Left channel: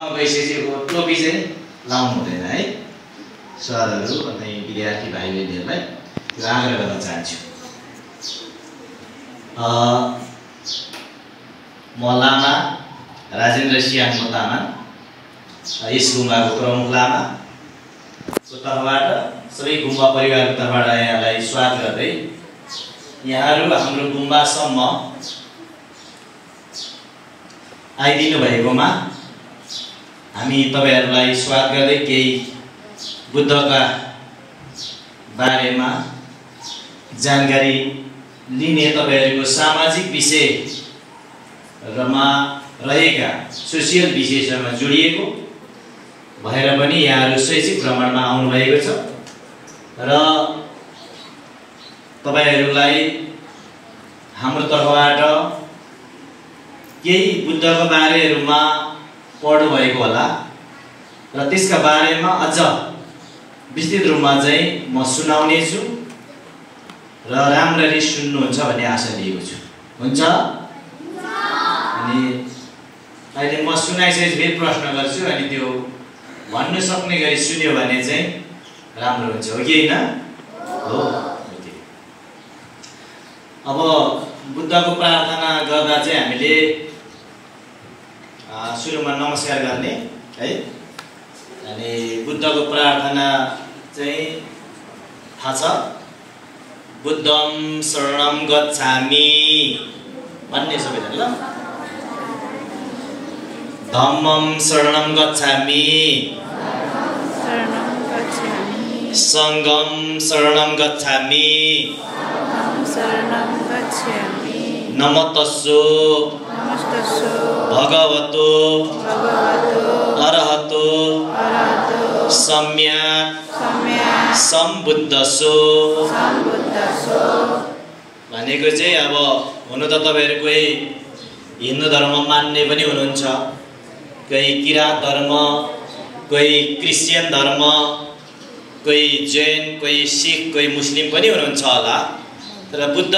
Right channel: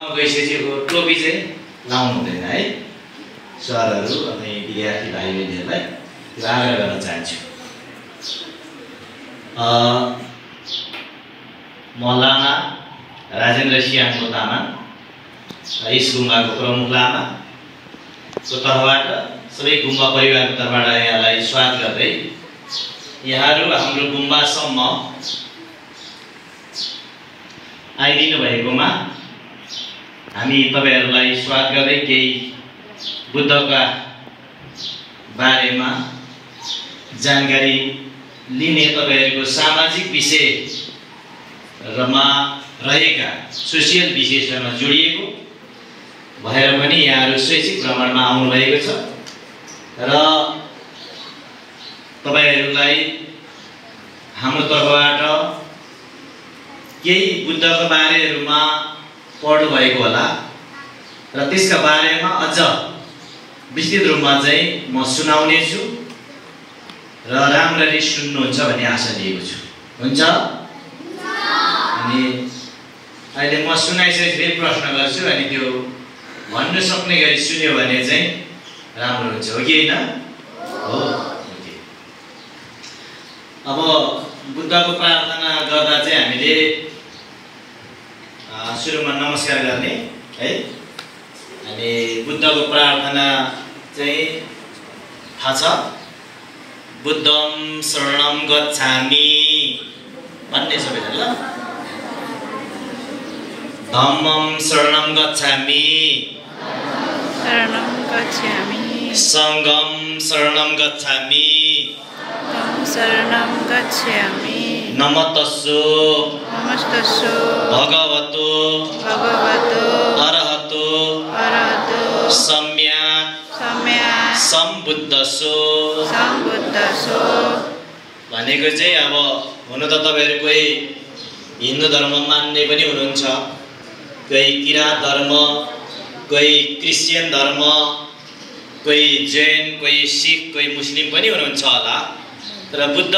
गइसकेको टोपी चाहिँ लाउनु हुँदैन है सरहरू अनि विद्यार्थी भाइ बहिनीहरूलाई त्यो आग्रह गर्न चाहन्छु। म लामा राजेन्द्र सिंहको लामा यस गुम्बाको प्रमुख लामाको तर्फबाट सबै गुम्बा परिवारको तर्फबाट यहाँलाई स्वागत गर्दै यहाँहरू हाम्रो गुम्बासम्म आइदिनु भएकोमा हामी तपाईहरुलाई स्वागत गर्दै केही बुद्धका बारेमा जानकारी लिने तपाईहरुको सामाजिक विषयमा रहेका सोशल विषयसँग जोडिएको भएर पनि यहाँहरू शैक्षिक भ्रमणमा आउनु भएको छ र तपाईहरुलाई हाम्रो तर्फबाट केही बुद्धका बारेहरुमा पढ्नु भएको होला र त्यसका बारेमा अझ विस्तृत रूपमा चाहिँ म सुनाउने छु र राम्ररी सुन्नुहुन्छ भन्ने आशा लिएको छु। हुन्छ? अनि अहिले म सुनाइसकेपछि फेरि प्रश्न गर्छु अनि त्यो भन्नु सक्ने गरी सुन्यो भने चाहिँ राम्रो हुन्छ, हो कि हैन? हो। अब बुद्धको प्रार्थना गर्दा चाहिँ हामीले सुरुमा नमस्कार गर्ने है। अनि बुद्धको प्रार्थना चाहिँ थाहा छ, बुद्धं शरणं गच्छामि भन्ने सबैजना ल, धम्मं शरणं गच्छामि संघं शरणं गच्छामि नमस्तस्सु भगवतो अरहतो सम्यक् सम्बुद्धस्सु भनेको चाहिँ अब हुन त तपाईहरु कोही हिन्दू धर्म मान्ने पनि हुनुहुन्छ, कोही किरात धर्म, कोही क्रिश्चियन धर्म, कोही जैन, कोही सिख, कोही मुस्लिम पनि हुनुहुन्छ होला। तर बुद्ध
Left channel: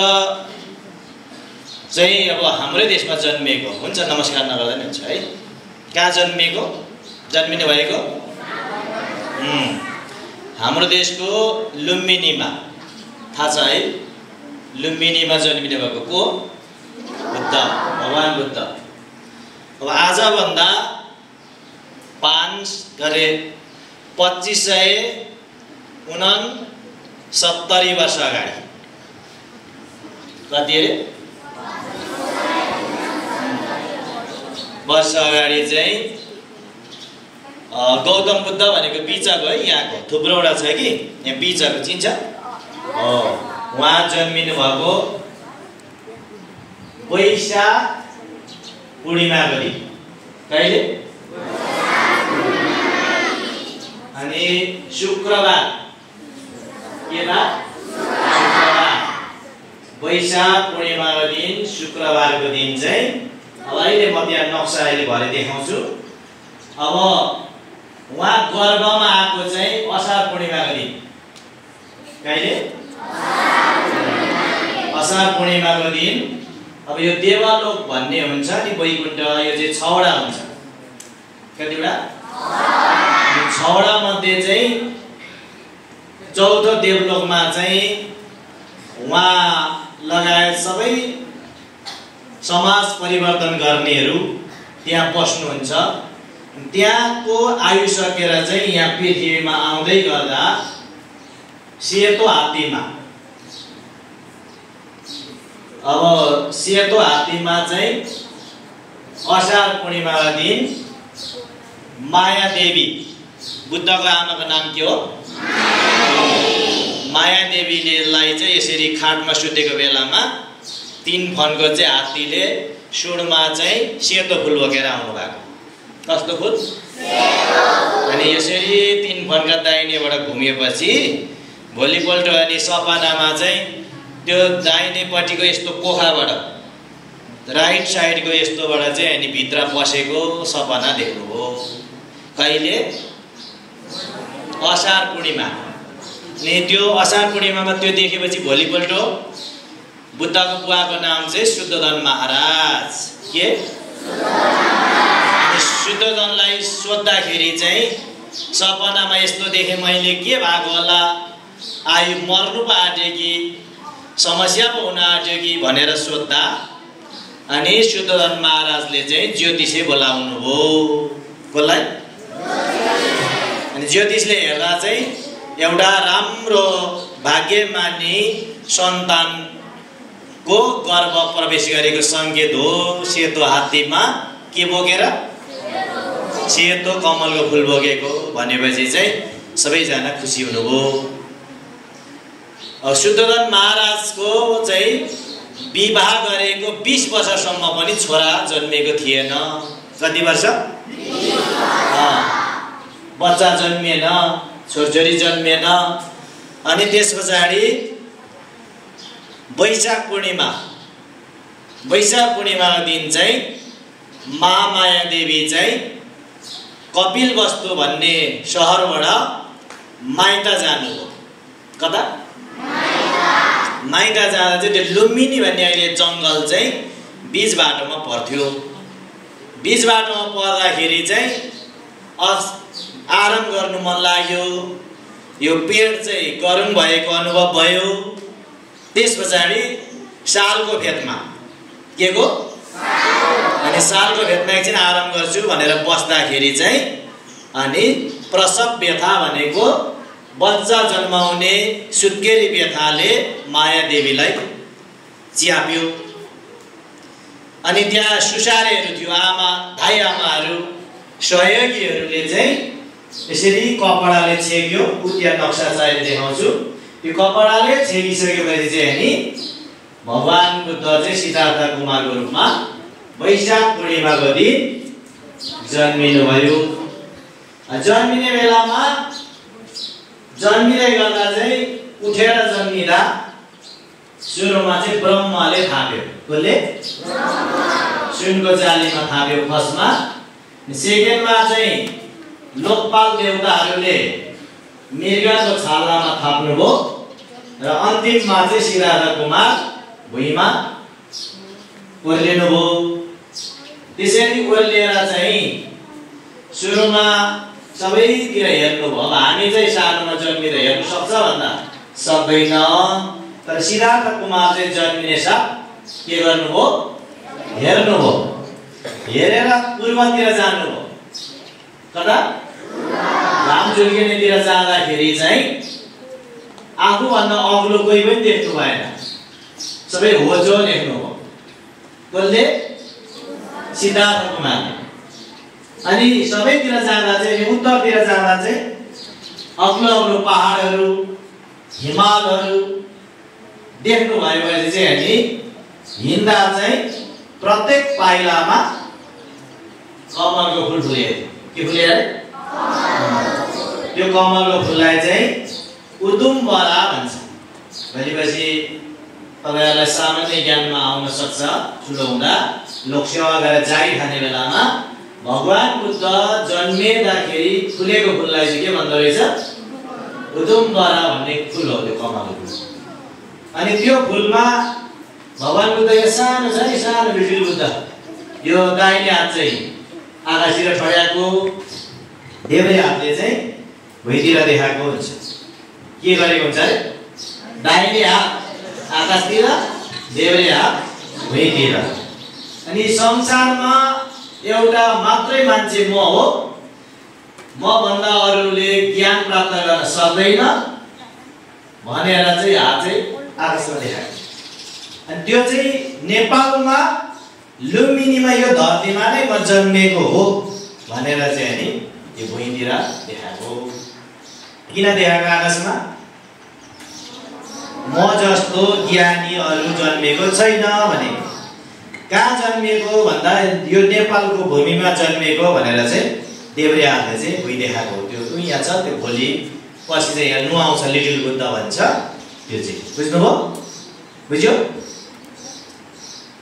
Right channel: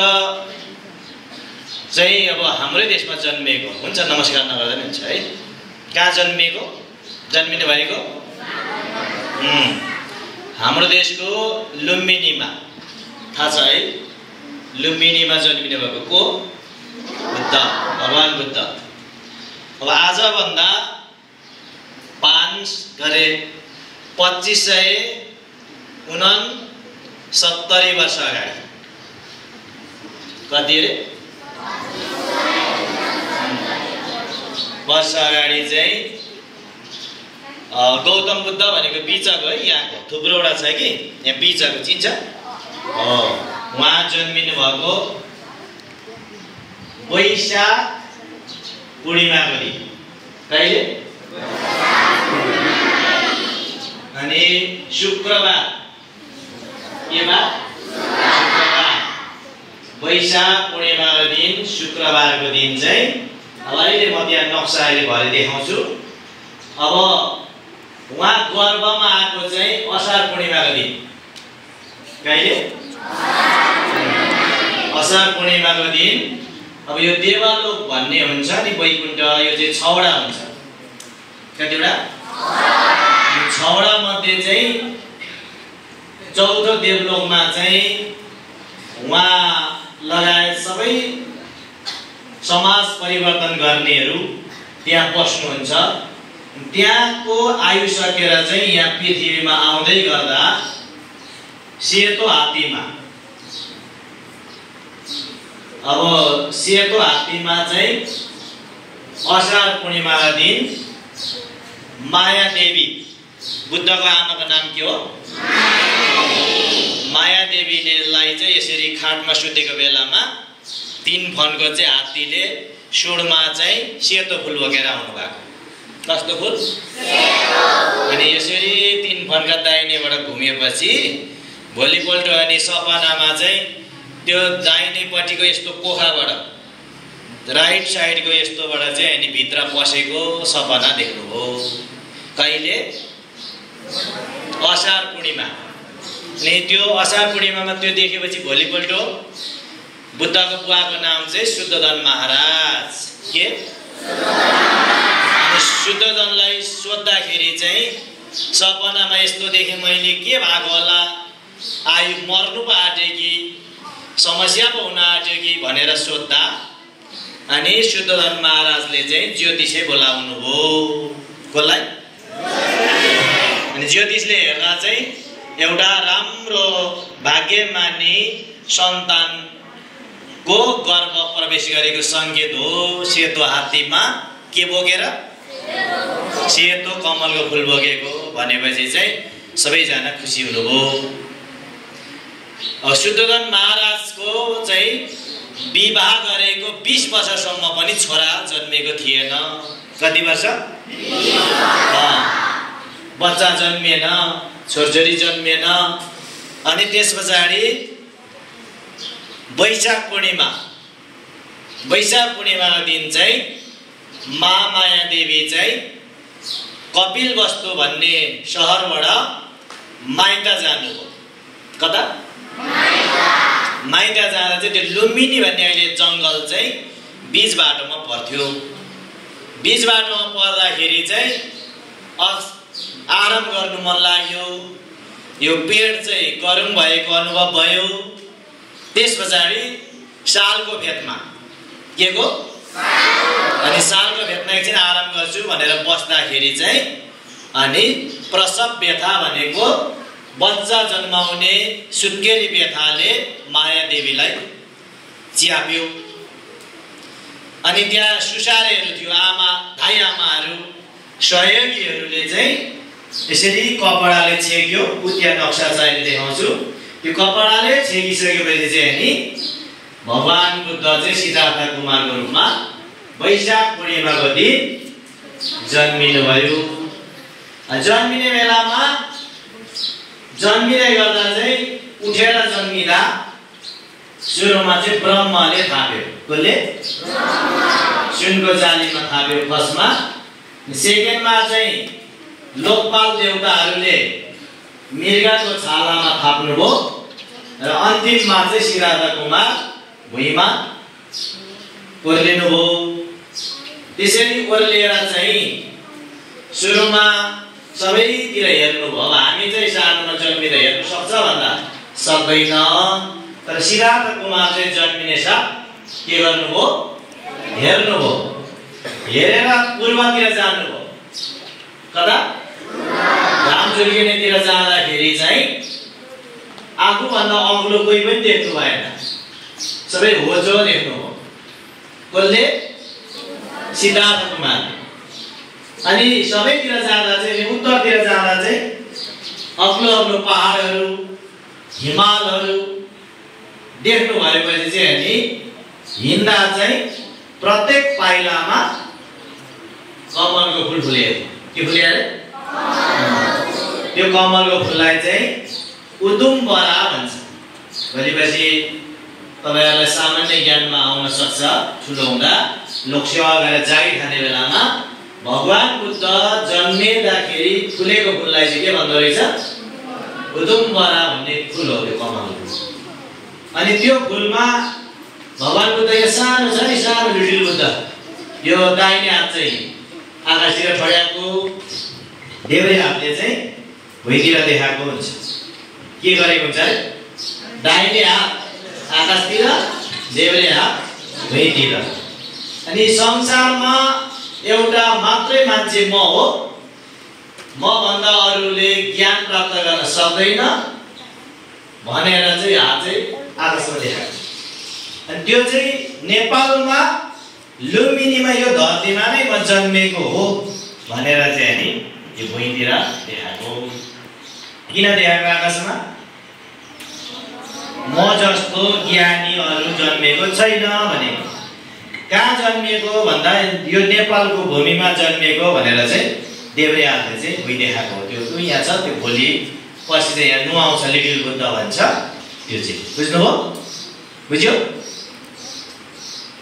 चाहिँ अब हाम्रै देशमा जन्मेको हुन्छ, नमस्कार नगर्दा पनि हुन्छ है। कहाँ जन्मेको, जन्मिनु भएको? हाम्रो देशको लुम्बिनीमा, थाहा छ है? लुम्बिनीमा जन्मिनु भएको को? बुद्ध, भगवान बुद्ध। अब आजभन्दा 2570 वर्ष अगाडि, कति अरे वर्ष अगाडि चाहिँ गौतम बुद्ध भनेको बिचको है, यहाँको थुप्रोवटा छ कि यहाँ बिचको चिन्छ हो, उहाँ जन्मिनु भएको वैशाख पूर्णिमाको दिन। कहिले? अनि शुक्रबार, के बार? शुक्रबार, वैशाख पूर्णिमाको दिन, शुक्रबारको दिन चाहिँ अब अहिले म त्यहाँ नक्सा अहिले भरे देखाउँछु। अब उहाँ गर्भमा आएको चाहिँ असार पूर्णिमाको दिन। कहिले? असार पूर्णिमाको दिन। अब यो देवलोक भन्ने हुन्छ नि, वैकुण्ठ, यो चाहिँ 6वटा हुन्छ। कतिवटा? 6वटा मध्ये चाहिँ 4थो देवलोकमा चाहिँ उहाँ लगायत सबै समाज परिवर्तन गर्नेहरू त्यहाँ बस्नुहुन्छ। त्यहाँको आयु सकेर चाहिँ यहाँ पृथ्वीमा आउँदै गर्दा सेतो हात्तीमा, अब सेतो हात्तीमा चाहिँ असार पूर्णिमाको दिन माया देवी, बुद्धको आमाको नाम के हो? माया देवीलाई चाहिँ यसरी खाटमा सुतेको बेलामा 3 फनको चाहिँ हात्तीले सुडमा चाहिँ सेतो फुल बोकेर आउनु भएको। कस्तो फुल? अनि यसरी 3 फनका दाहिनेबाट घुमेपछि भोलिपल्ट अनि सपनामा चाहिँ त्यो दाहिनेपट्टिको यस्तो कोखाबाट, राइट साइडको यस्तोबाट चाहिँ अनि भित्र पसेको सपना देख्नुभयो। कहिले? असार पूर्णिमा। अनि त्यो असार पूर्णिमामा त्यो देखेपछि भोलिपल्ट बुद्धको बुवाको नाम चाहिँ शुद्धोधन महाराज। के? शुद्धोधनलाई सोद्धाखेरि चाहिँ सपनामा यस्तो देखेँ मैले, के भएको होला, आयु मर्नु पो आँट्यो कि समस्या पो हुन आँट्यो कि भनेर सोद्धा अनि शुद्धोधन महाराजले चाहिँ ज्योतिषे बोलाउनु हो। कसलाई? अनि ज्योतिषले हेर्दा चाहिँ एउटा राम्रो भाग्यमानी सन्तानको गर्भ प्रवेश गरेको सङ्केत हो। सेतो हात्तीमा के बोकेर? सेतो कमलको फुल बोकेको भनेपछि चाहिँ सबैजना खुसी हुनुभयो। शुद्धोधन महाराजको चाहिँ विवाह गरेको 20 वर्षसम्म पनि छोरा जन्मेको थिएन। कति वर्ष? बच्चा जन्मेन, छोरछोरी जन्मेन। अनि त्यस पछाडि वैशाख पूर्णिमाको दिन चाहिँ महामाया देवी चाहिँ कपिलवस्तु भन्ने सहरबाट माइत जानुभयो। कता? माइत जाँदा चाहिँ त्यो लुम्बिनी भन्ने अहिले जङ्गल चाहिँ बीच बाटोमा पर्थ्यो। बीच बाटोमा पर्दाखेरि चाहिँ आराम गर्नु मन लाग्यो। यो पेड चाहिँ गरम भएको अनुभव भयो। त्यस पछाडि सालको फेदमा के को? अनि सालको फेदमा एकछिन आराम गर्छु भनेर बस्दाखेरि चाहिँ अनि प्रसव व्यथा भनेको बच्चा जन्माउने सुत्केरी व्यथाले माया देवीलाई च्याप्यो। अनि त्यहाँ सुसारेहरू थियो, धाई आमाहरू, सहयोगीहरूले चाहिँ यसरी कपडाले छेक्यो। उतिया नक्सा चाहिँ देखाउँछु। त्यो कपडाले छेकिसकेपछि चाहिँ नि भगवान बुद्ध चाहिँ सिद्धार्थ कुमारको रूपमा वैशाख पूर्णिमाको दिन जन्मिनु भयो। जन्मिने बेलामा जन्मिँदै गर्दा चाहिँ उठेर जन्मिँदा सुरुमा चाहिँ ब्रह्माले थाप्यो। कसले? सुनको जालीमा थाप्यो फर्स्टमा। सेकेन्डमा चाहिँ लोकपाल देवताहरूले मृगको छालामा थाप्नुभयो र अन्तिममा चाहिँ सिद्धार्थ कुमार भुइँमा ओर्लिनुभयो। त्यसरी ओर्लिएर चाहिँ सुरुमा सबैतिर हेर्नुभयो। हामी चाहिँ सानोमा जन्मिँदा हेर्नु सक्छ भन्दा सक्दैन। तर सिद्धार्थ कुमार चाहिँ जन्मिने साथ के गर्नुभयो? हेर्नुभयो। हेरेर पूर्वतिर जानुभयो। कता? घाम झुल्किनेतिर जाँदाखेरि चाहिँ आफूभन्दा अग्लो कोही पनि देख्नु भएन। सबै होजो देख्नुभयो। कसले? सिद्धार्थ कुमार। अनि सबैतिर जाँदा चाहिँ उत्तरतिर जाँदा चाहिँ अग्लो अग्लो पहाडहरू, हिमालहरू देख्नु भएपछि चाहिँ अनि हिँड्दा चाहिँ प्रत्येक पाइलामा कमलको फुल फुलेको। के फुल्यो? त्यो कमलको फुललाई चाहिँ उदुम्बरा भन्छ। भनेपछि तपाईहरुलाई सामान्य ज्ञानमा आउन सक्छ। ठुलो हुँदा लोकसेवा गरेर जागिर खाने बेलामा भगवान बुद्ध जन्मिँदाखेरि फुलेको फुललाई चाहिँ के भन्दो रहेछ? उदुम्बरा भन्ने फुल हो त्यो कमलको फुल। अनि त्यो फुलमा भगवान बुद्ध यो सानो छ नि, सानो लिटिल बुद्ध, यो दाहिने हात चाहिँ आकाशतिर ठड्याएको, देब्रे हातले चाहिँ भुइँतिर देखाएको हुन्छ। के गरेको हुन्छ अरे? दाहिने हात आकाशतिर, देब्रे हात भुइँतिर। अनि संसारमा एउटा मात्रै मान्छे म हो, म भन्दा अरूले ज्ञान प्राप्त गर्न सक्दैन भनेर चाहिँ हात चाहिँ आकाशमा देखाएको। अनि त्यो चाहिँ नेपालमा लुम्बिनीमा यो धरतीमा नै म जन्मेको हो भनेर चाहिँ नि यो भुइँतिर देखाएको। किन देखाएको आकाशमा? म जस्तो ज्ञानी अरू जन्मेको छैन भने। कहाँ जन्मिएको भन्दा यो नेपालको भूमिमा जन्मिएको भनेर चाहिँ देब्रे हातले चाहिँ भुइँ देखाएको हो। त्यो यहाँ छ, त्यो भोलि पछि चाहिँ यहाँ नुहाउँछ, लिटिल बुद्ध भन्छ त्यो चाहिँ। बुझ्नुभयो? बुझ्यो?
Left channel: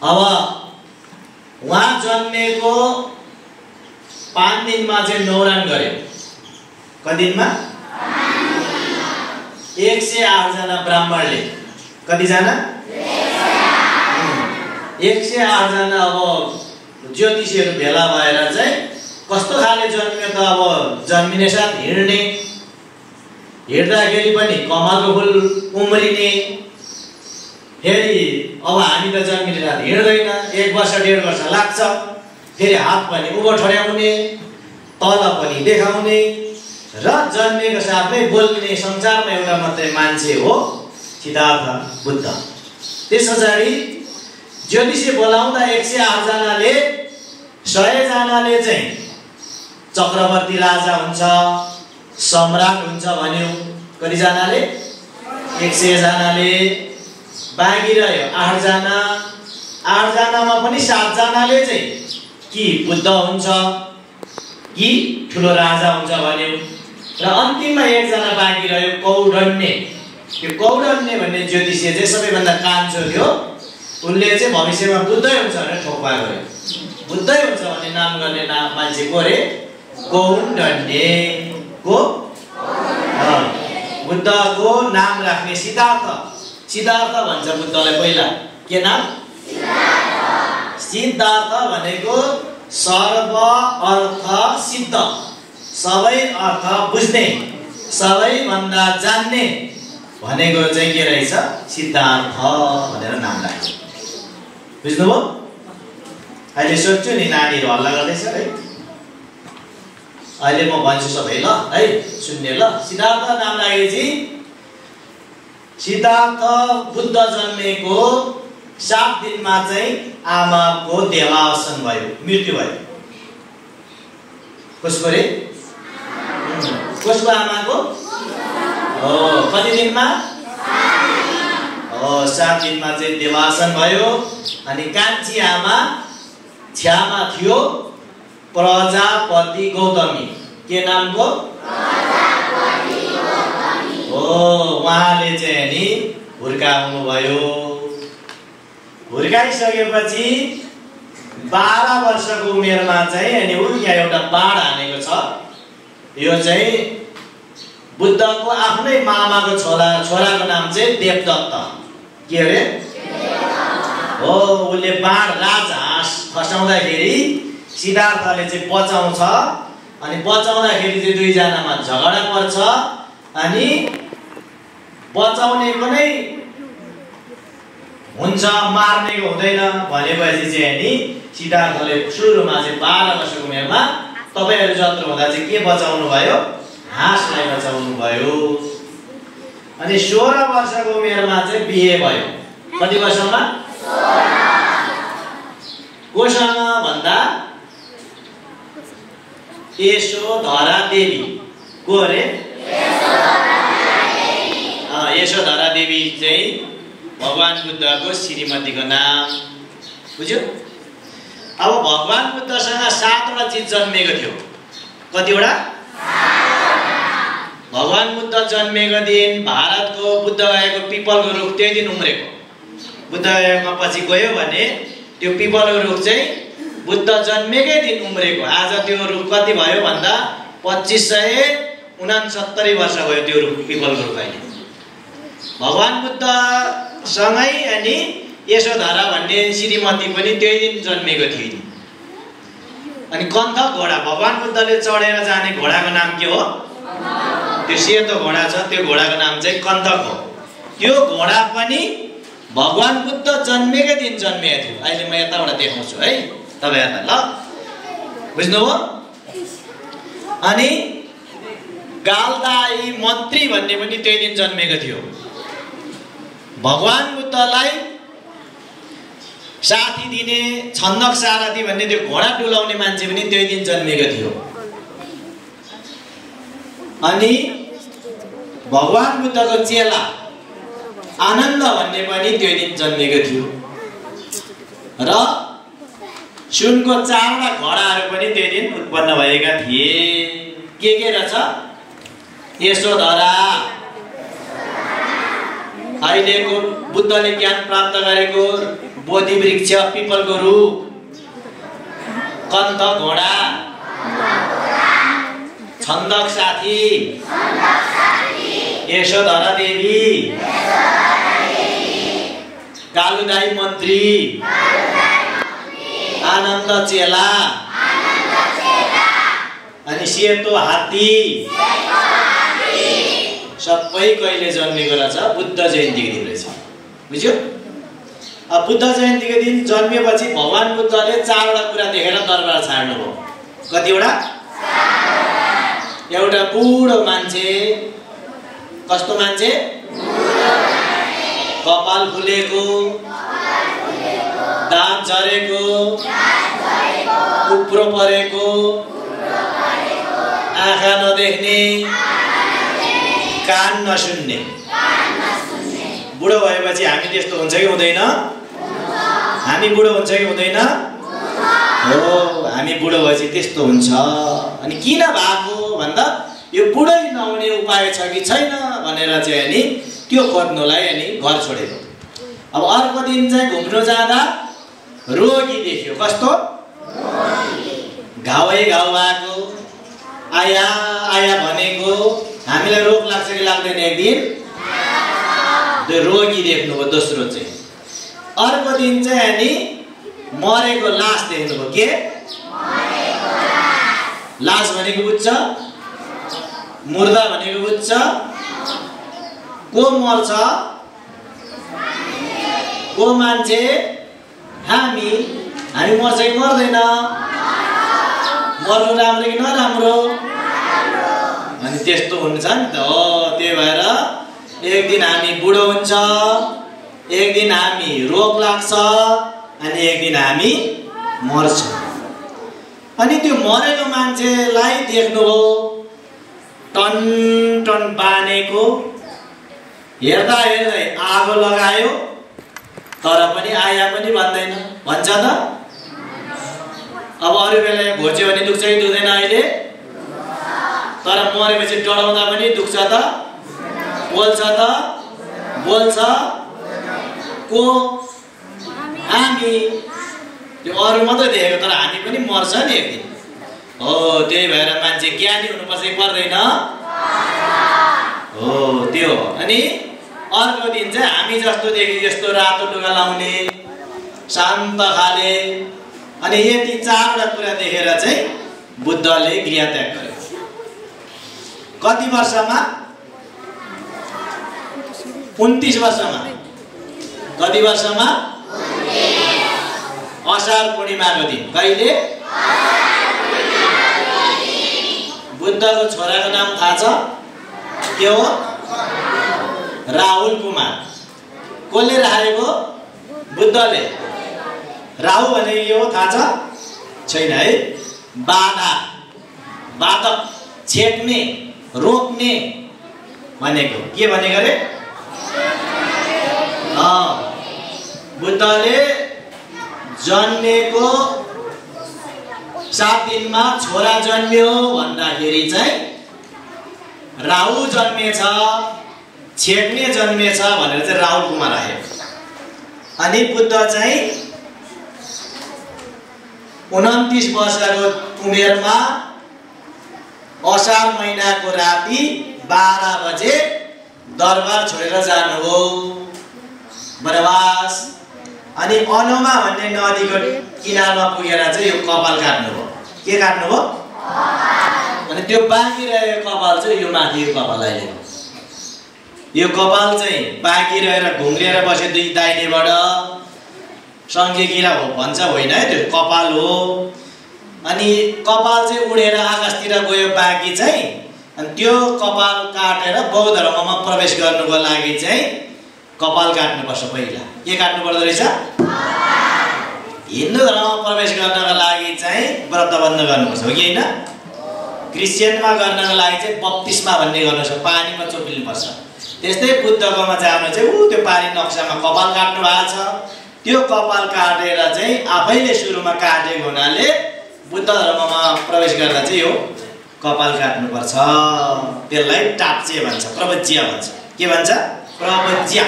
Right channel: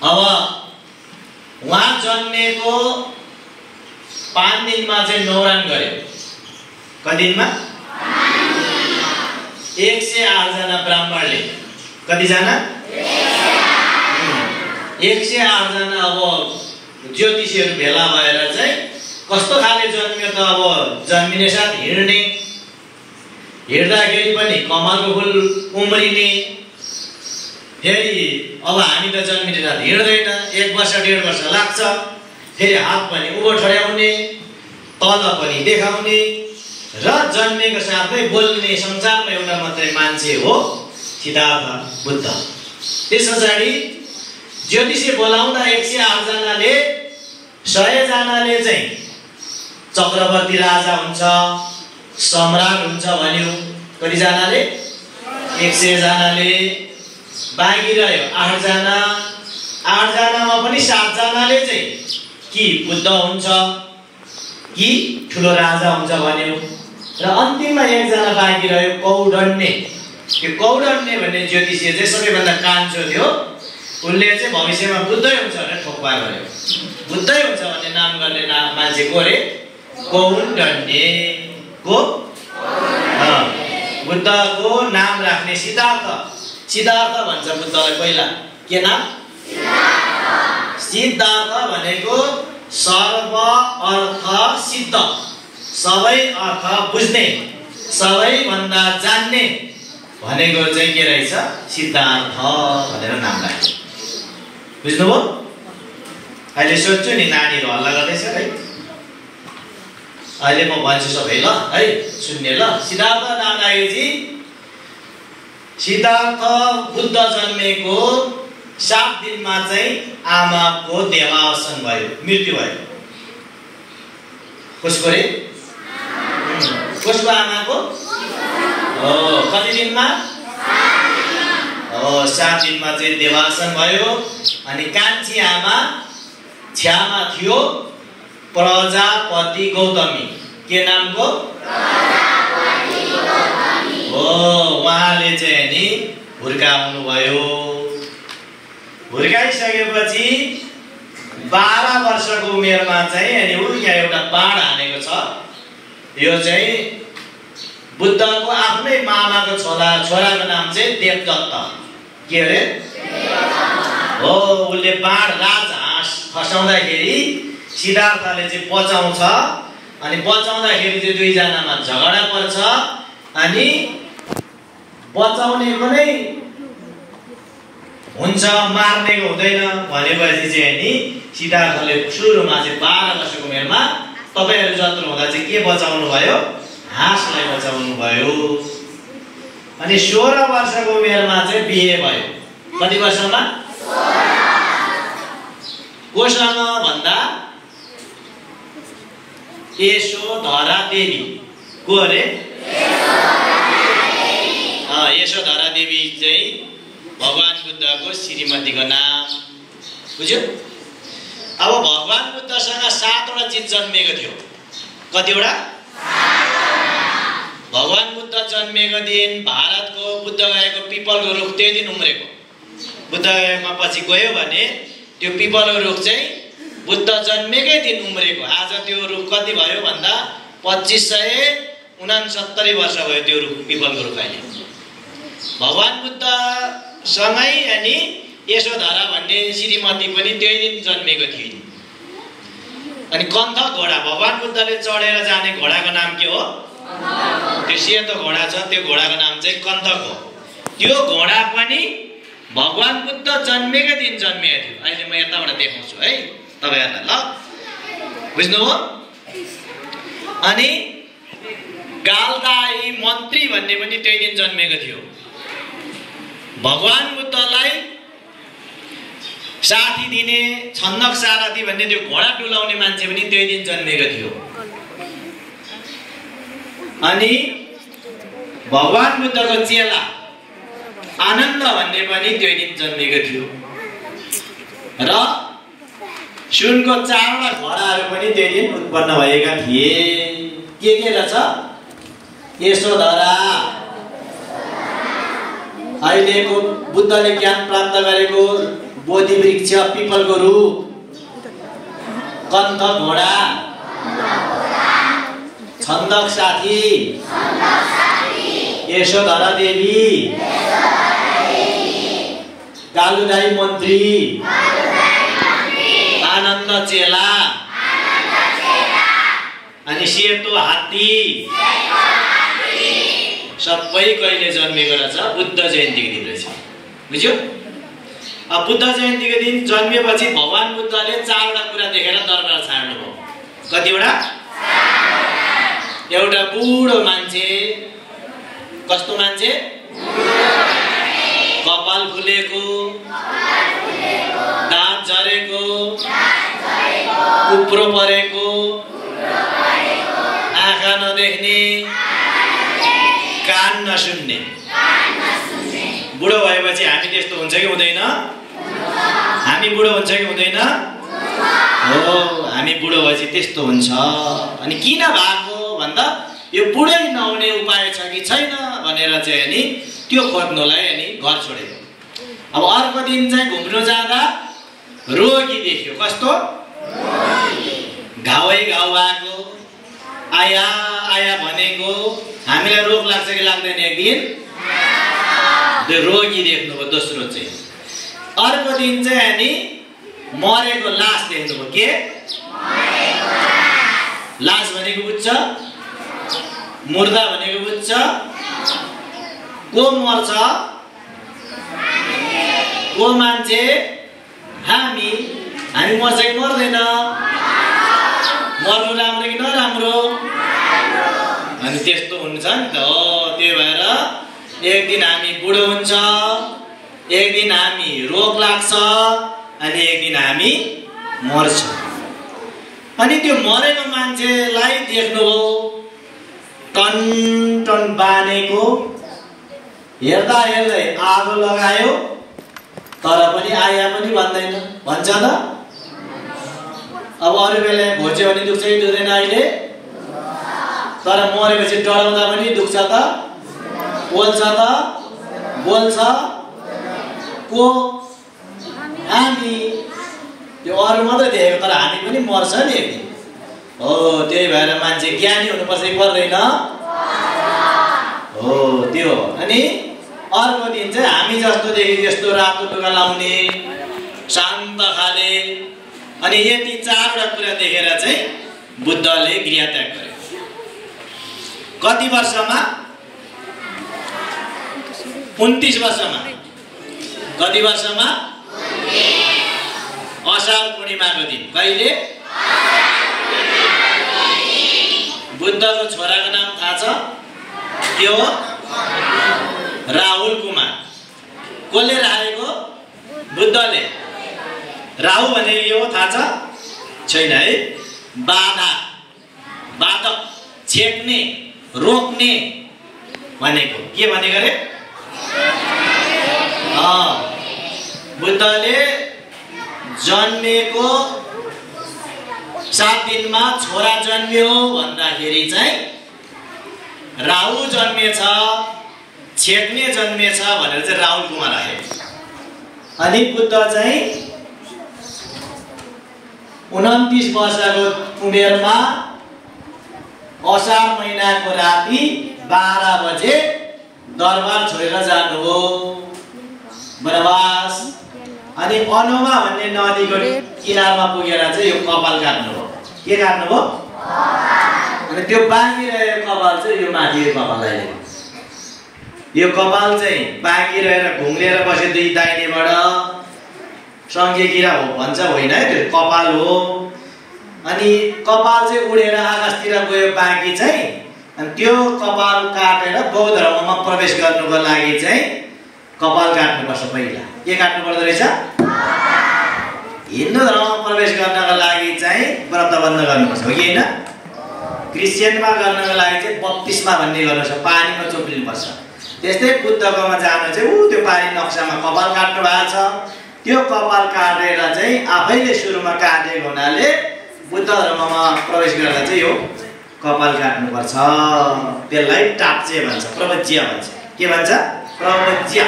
अब उहाँ जन्मेको 5 दिनमा चाहिँ न्वारन गर्यो। कति दिनमा? 108 जना ब्राह्मणले। कतिजना? 108 जना अब ज्योतिषीहरू भेला भएर चाहिँ कस्तो खाले जन्मियो त अब जन्मिने साथ हिँड्ने, हिँड्दाखेरि पनि कमलको फुल उम्रिने। फेरि अब हामी त जन्मिने साथ हिँड्दैन, 1 वर्ष 1.5 वर्ष लाग्छ। फेरि हात पनि उँभो ठड्याउने, तल पनि देखाउने र जन्मेको साथै बोल्ने संसारमा एउटा मात्रै मान्छे हो सिद्धार्थ बुद्ध। त्यस पछाडि ज्योतिषी बोलाउँदा 108 जनाले 100 जनाले चाहिँ चक्रवर्ती राजा हुन्छ, सम्राट हुन्छ भन्यो। कति जनाले? 100 जनाले। बाँकी रह्यो 8 जना। 8 जनामा पनि 7 जनाले चाहिँ कि बुद्ध हुन्छ कि ठुलो राजा हुन्छ भन्यो र अन्तिममा 1 जना बाँकी रह्यो कौडण्य। यो कौडण्य भन्ने ज्योतिषी चाहिँ सबैभन्दा कान्छो थियो। उनले चाहिँ भविष्यमा बुद्धै हुन्छ भनेर ठोक्पा गर्यो। बुद्धै हुन्छ भन्ने नाम गर्ने मान्छे को रे? कौडण्य। को? बुद्धको नाम राख्ने सिद्धार्थ। सिद्धार्थ भन्छ बुद्धलाई पहिला। के नाम? सिद्धार्थ भनेको सर्व अर्थ सिद्ध, सबै अर्थ बुझ्ने, सबैभन्दा जान्ने भनेको चाहिँ के रहेछ? सिद्धार्थ भनेर नाम राख्यो। बुझ्नुभयो? अहिले सोध्छु नि, नानीहरू हल्ला गर्दैछ है। अहिले म भन्छु सबै ल है, सुन्ने ल। सिद्धार्थ नाम राखेपछि सिद्धार्थ बुद्ध जन्मेको 7 दिनमा चाहिँ आमाको देहावसान भयो, मृत्यु भयो। कसको रे? कसको आमाको? कति दिनमा? 7 दिनमा चाहिँ देहावसान भयो। अनि कान्छी आमा छ्यामा थियो प्रजापति गौतमी। के नामको? प्रजापति गौतमी। उहाँले चाहिँ नि हुर्काउनु भयो। हुर्काइसकेपछि 12 वर्षको उमेरमा चाहिँ अनि यहाँ एउटा बाण हानेको छ। यो चाहिँ बुद्धको आफ्नै मामाको छोराको नाम चाहिँ देवदत्त। के अरे? हो, उसले बाण राजहाँस खसाउँदाखेरि सिद्धार्थले चाहिँ बचाउँछ। अनि बचाउँदाखेरि चाहिँ 2 जनामा झगडा पर्छ। अनि बचाउनेको नै हुन्छ, मार्नेको हुँदैन भनेपछि चाहिँ नि सिद्धार्थले सुरुमा चाहिँ 12 वर्षको उमेरमा तपाईहरु जत्रो हुँदा चाहिँ के बचाउनु भयो? हाँसलाई बचाउनु भयो। अनि 16 वर्षको उमेरमा चाहिँ बिहे भयो। कति वर्षमा? 16। कोसँग भन्दा यशोधरा देवी। को अरे? यशोधरा देवी चाहिँ भगवान बुद्धको श्रीमतीको नाम। बुझ्यो? अब भगवान बुद्धसँग 7वटा चिज जन्मेको थियो। कतिवटा? 7। भगवान बुद्ध जन्मेको दिन भारतको बुद्ध गएको पिपलको रुख त्यही दिन उम्रेको। बुद्ध गएकोमा पछि गयो भने त्यो पिपलको रुख चाहिँ बुद्ध जन्मेकै दिन उम्रेको। आज त्यो रुख कति भयो भन्दा 2569 वर्ष भयो त्यो रुख, पिपलको रुख। अहिले भगवान बुद्ध सँगै अनि यशोधरा भन्ने श्रीमती पनि त्यही दिन जन्मेको थिइन्। अनि कन्थ घोडा, भगवान बुद्धले चढेर जाने घोडाको नाम के हो? त्यो सेतो घोडा छ, त्यो घोडाको नाम चाहिँ कन्थक हो। त्यो घोडा पनि भगवान बुद्ध जन्मेकै दिन जन्मेको थियो। अहिले म यताबाट देखाउँछु है तपाईहरुलाई, ल बुझ्नुभयो? अनि गालदाई मन्त्री भन्ने पनि त्यही दिन जन्मेको थियो। भगवान बुद्धलाई साथी दिने छन्दक सारथी भन्ने त्यो घोडा डुलाउने मान्छे पनि त्यही दिन जन्मेको थियो। अनि भगवान बुद्धको चेला आनन्द भन्ने पनि त्यही दिन जन्मेको थियो। र सुनको 4वटा घोडाहरू पनि त्यही दिन उत्पन्न भएका थिए। के रहेछ? यशोधरा, अहिलेको बुद्धले ज्ञान प्राप्त गरेको बोधि वृक्ष, पिपलको रुख, कन्थ घोडा, छन्दक साथी, यशोधरा देवी, कालुदाई मन्त्री, आनन्द चेला, अनि सेतो हात्ती सबै कहिले जन्मेको रहेछ? बुद्ध जयन्तीको दिन रहेछ। बुझ्यो? अब बुद्ध जयन्तीको दिन जन्मेपछि भगवान बुद्धले 4वटा कुरा देखेर दरबार छाड्नुभयो। कतिवटा? एउटा बुढो मान्छे, कस्तो मान्छे? कपाल फुलेको, दाँत झरेको, कुप्रो परेको, आँखा नदेख्ने, कान नसुन्ने। बुढो भएपछि हामी त्यस्तो हुन्छ कि हुँदैन? हामी बुढो हुन्छ कि हुँदैन? हो, हामी बुढो भएपछि त्यस्तो हुन्छ। अनि किन भएको भन्दा यो बुढै नहुने उपाय छ कि छैन भनेर चाहिँ अनि त्यो खोज्नुलाई अनि घर छोडेको। अब अर्को दिन चाहिँ घुम्न जाँदा रोगी देख्यो। कस्तो? घावै घाउ भएको, आया आया भनेको। हामीलाई रोग लाग्छ कि लाग्दैन? एक दिन त्यो रोगी देख्नुभयो। दोस्रो चाहिँ अर्को दिन चाहिँ अनि मरेको लास देख्नुभयो। के लास भनेको बुझ्छ? मुर्दा भनेको बुझ्छ? को मर्छ? को मान्छे? हामी मर्छ कि मर्दैन? मर्नु राम्रो कि नराम्रो? अनि त्यस्तो हुन्छ नि त। हो, त्यही भएर एक दिन हामी बुढो हुन्छ, एक दिन हामी रोग लाग्छ, अनि एक दिन हामी मर्छ। अनि त्यो मरेको मान्छेलाई देख्नुभयो टन टन बानेको, हेर्दा हेर्दै आगो लगायो तर पनि आया पनि भन्दैन। भन्छ त? अब अरू बेला घोच्यो भने दुख्छ कि दुख्दैन? अहिले तर मरेपछि डढाउँदा पनि दुख्छ त? बोल्छ त? बोल्छ को? हामी। त्यो अरू मात्रै देखेको तर हामी पनि मर्छ नि एक दिन। हो, त्यही भएर मान्छे ज्ञानी हुनुपर्छ कि पर्दैन? हो, त्यो। अनि अर्को दिन चाहिँ हामी जस्तो देखि यस्तो रातो टुका लाउने, शान्त खाले, अनि यति 4वटा कुरा देखेर चाहिँ बुद्धले गृहत्याग गरे। कति वर्षमा? 29 वर्षमा। कति वर्षमा? असार पूर्णिमाको दिन। कहिले? बुद्धको छोराको नाम थाहा छ? के हो? राहुल कुमार। कसले राखेको? बुद्धले। राहु भनेको के हो थाहा छ? छैन है? बाधा, बाधक, छेक्ने, रोक्ने भनेको। के भनेको रे? बुद्धले जन्मेको 7 दिनमा छोरा जन्मियो भन्दाखेरि चाहिँ राहु जन्मेछ, छेक्ने जन्मेछ भनेर चाहिँ राहुल कुमार आयो। अनि बुद्ध चाहिँ 29 वर्षको उमेरमा असार महिनाको राति 12 बजे दरबार छोडेर जानुभयो वनवास। अनि अनोमा भन्ने नदीको किनारमा पुगेर चाहिँ यो कपाल काट्नुभयो। के काट्नुभयो? अनि त्यो बाँकी रहेको कपाल चाहिँ यो माथिको कपाल अहिले। यो कपाल चाहिँ बाँकी रहेर घुम्रेर बसे दुई दाहिनेबाट सङ्घे गिरा हो भन्छ, होइन है? त्यो कपाल हो। अनि कपाल चाहिँ उडेर आकाशतिर गयो बाँकी चाहिँ। अनि त्यो कपाल काटेर बौद्ध धर्ममा प्रवेश गर्नुको लागि चाहिँ कपाल काट्नुपर्छ। पहिला के काट्नु पर्दो रहेछ? हिन्दू धर्ममा प्रवेश गर्नको लागि चाहिँ व्रत बन्द गर्नुपर्छ, हो कि होइन? क्रिस्चियनमा गर्नको लागि चाहिँ बप्तिस्मा भन्ने गर्नुपर्छ, पानीमा चोप्लिनुपर्छ। त्यस्तै बुद्धकोमा जानु चाहिँ त्यो पानी नक्सामा कपाल काट्नु भएको छ। त्यो कपाल काटेर चाहिँ आफैले सुरुमा काटेको हुनाले बुद्ध धर्ममा प्रवेश गर्दा चाहिँ यो कपाल काट्नुपर्छ। त्यसलाई टाप्चे भन्छ, प्रवज्य भन्छ। के भन्छ? प्रवज्य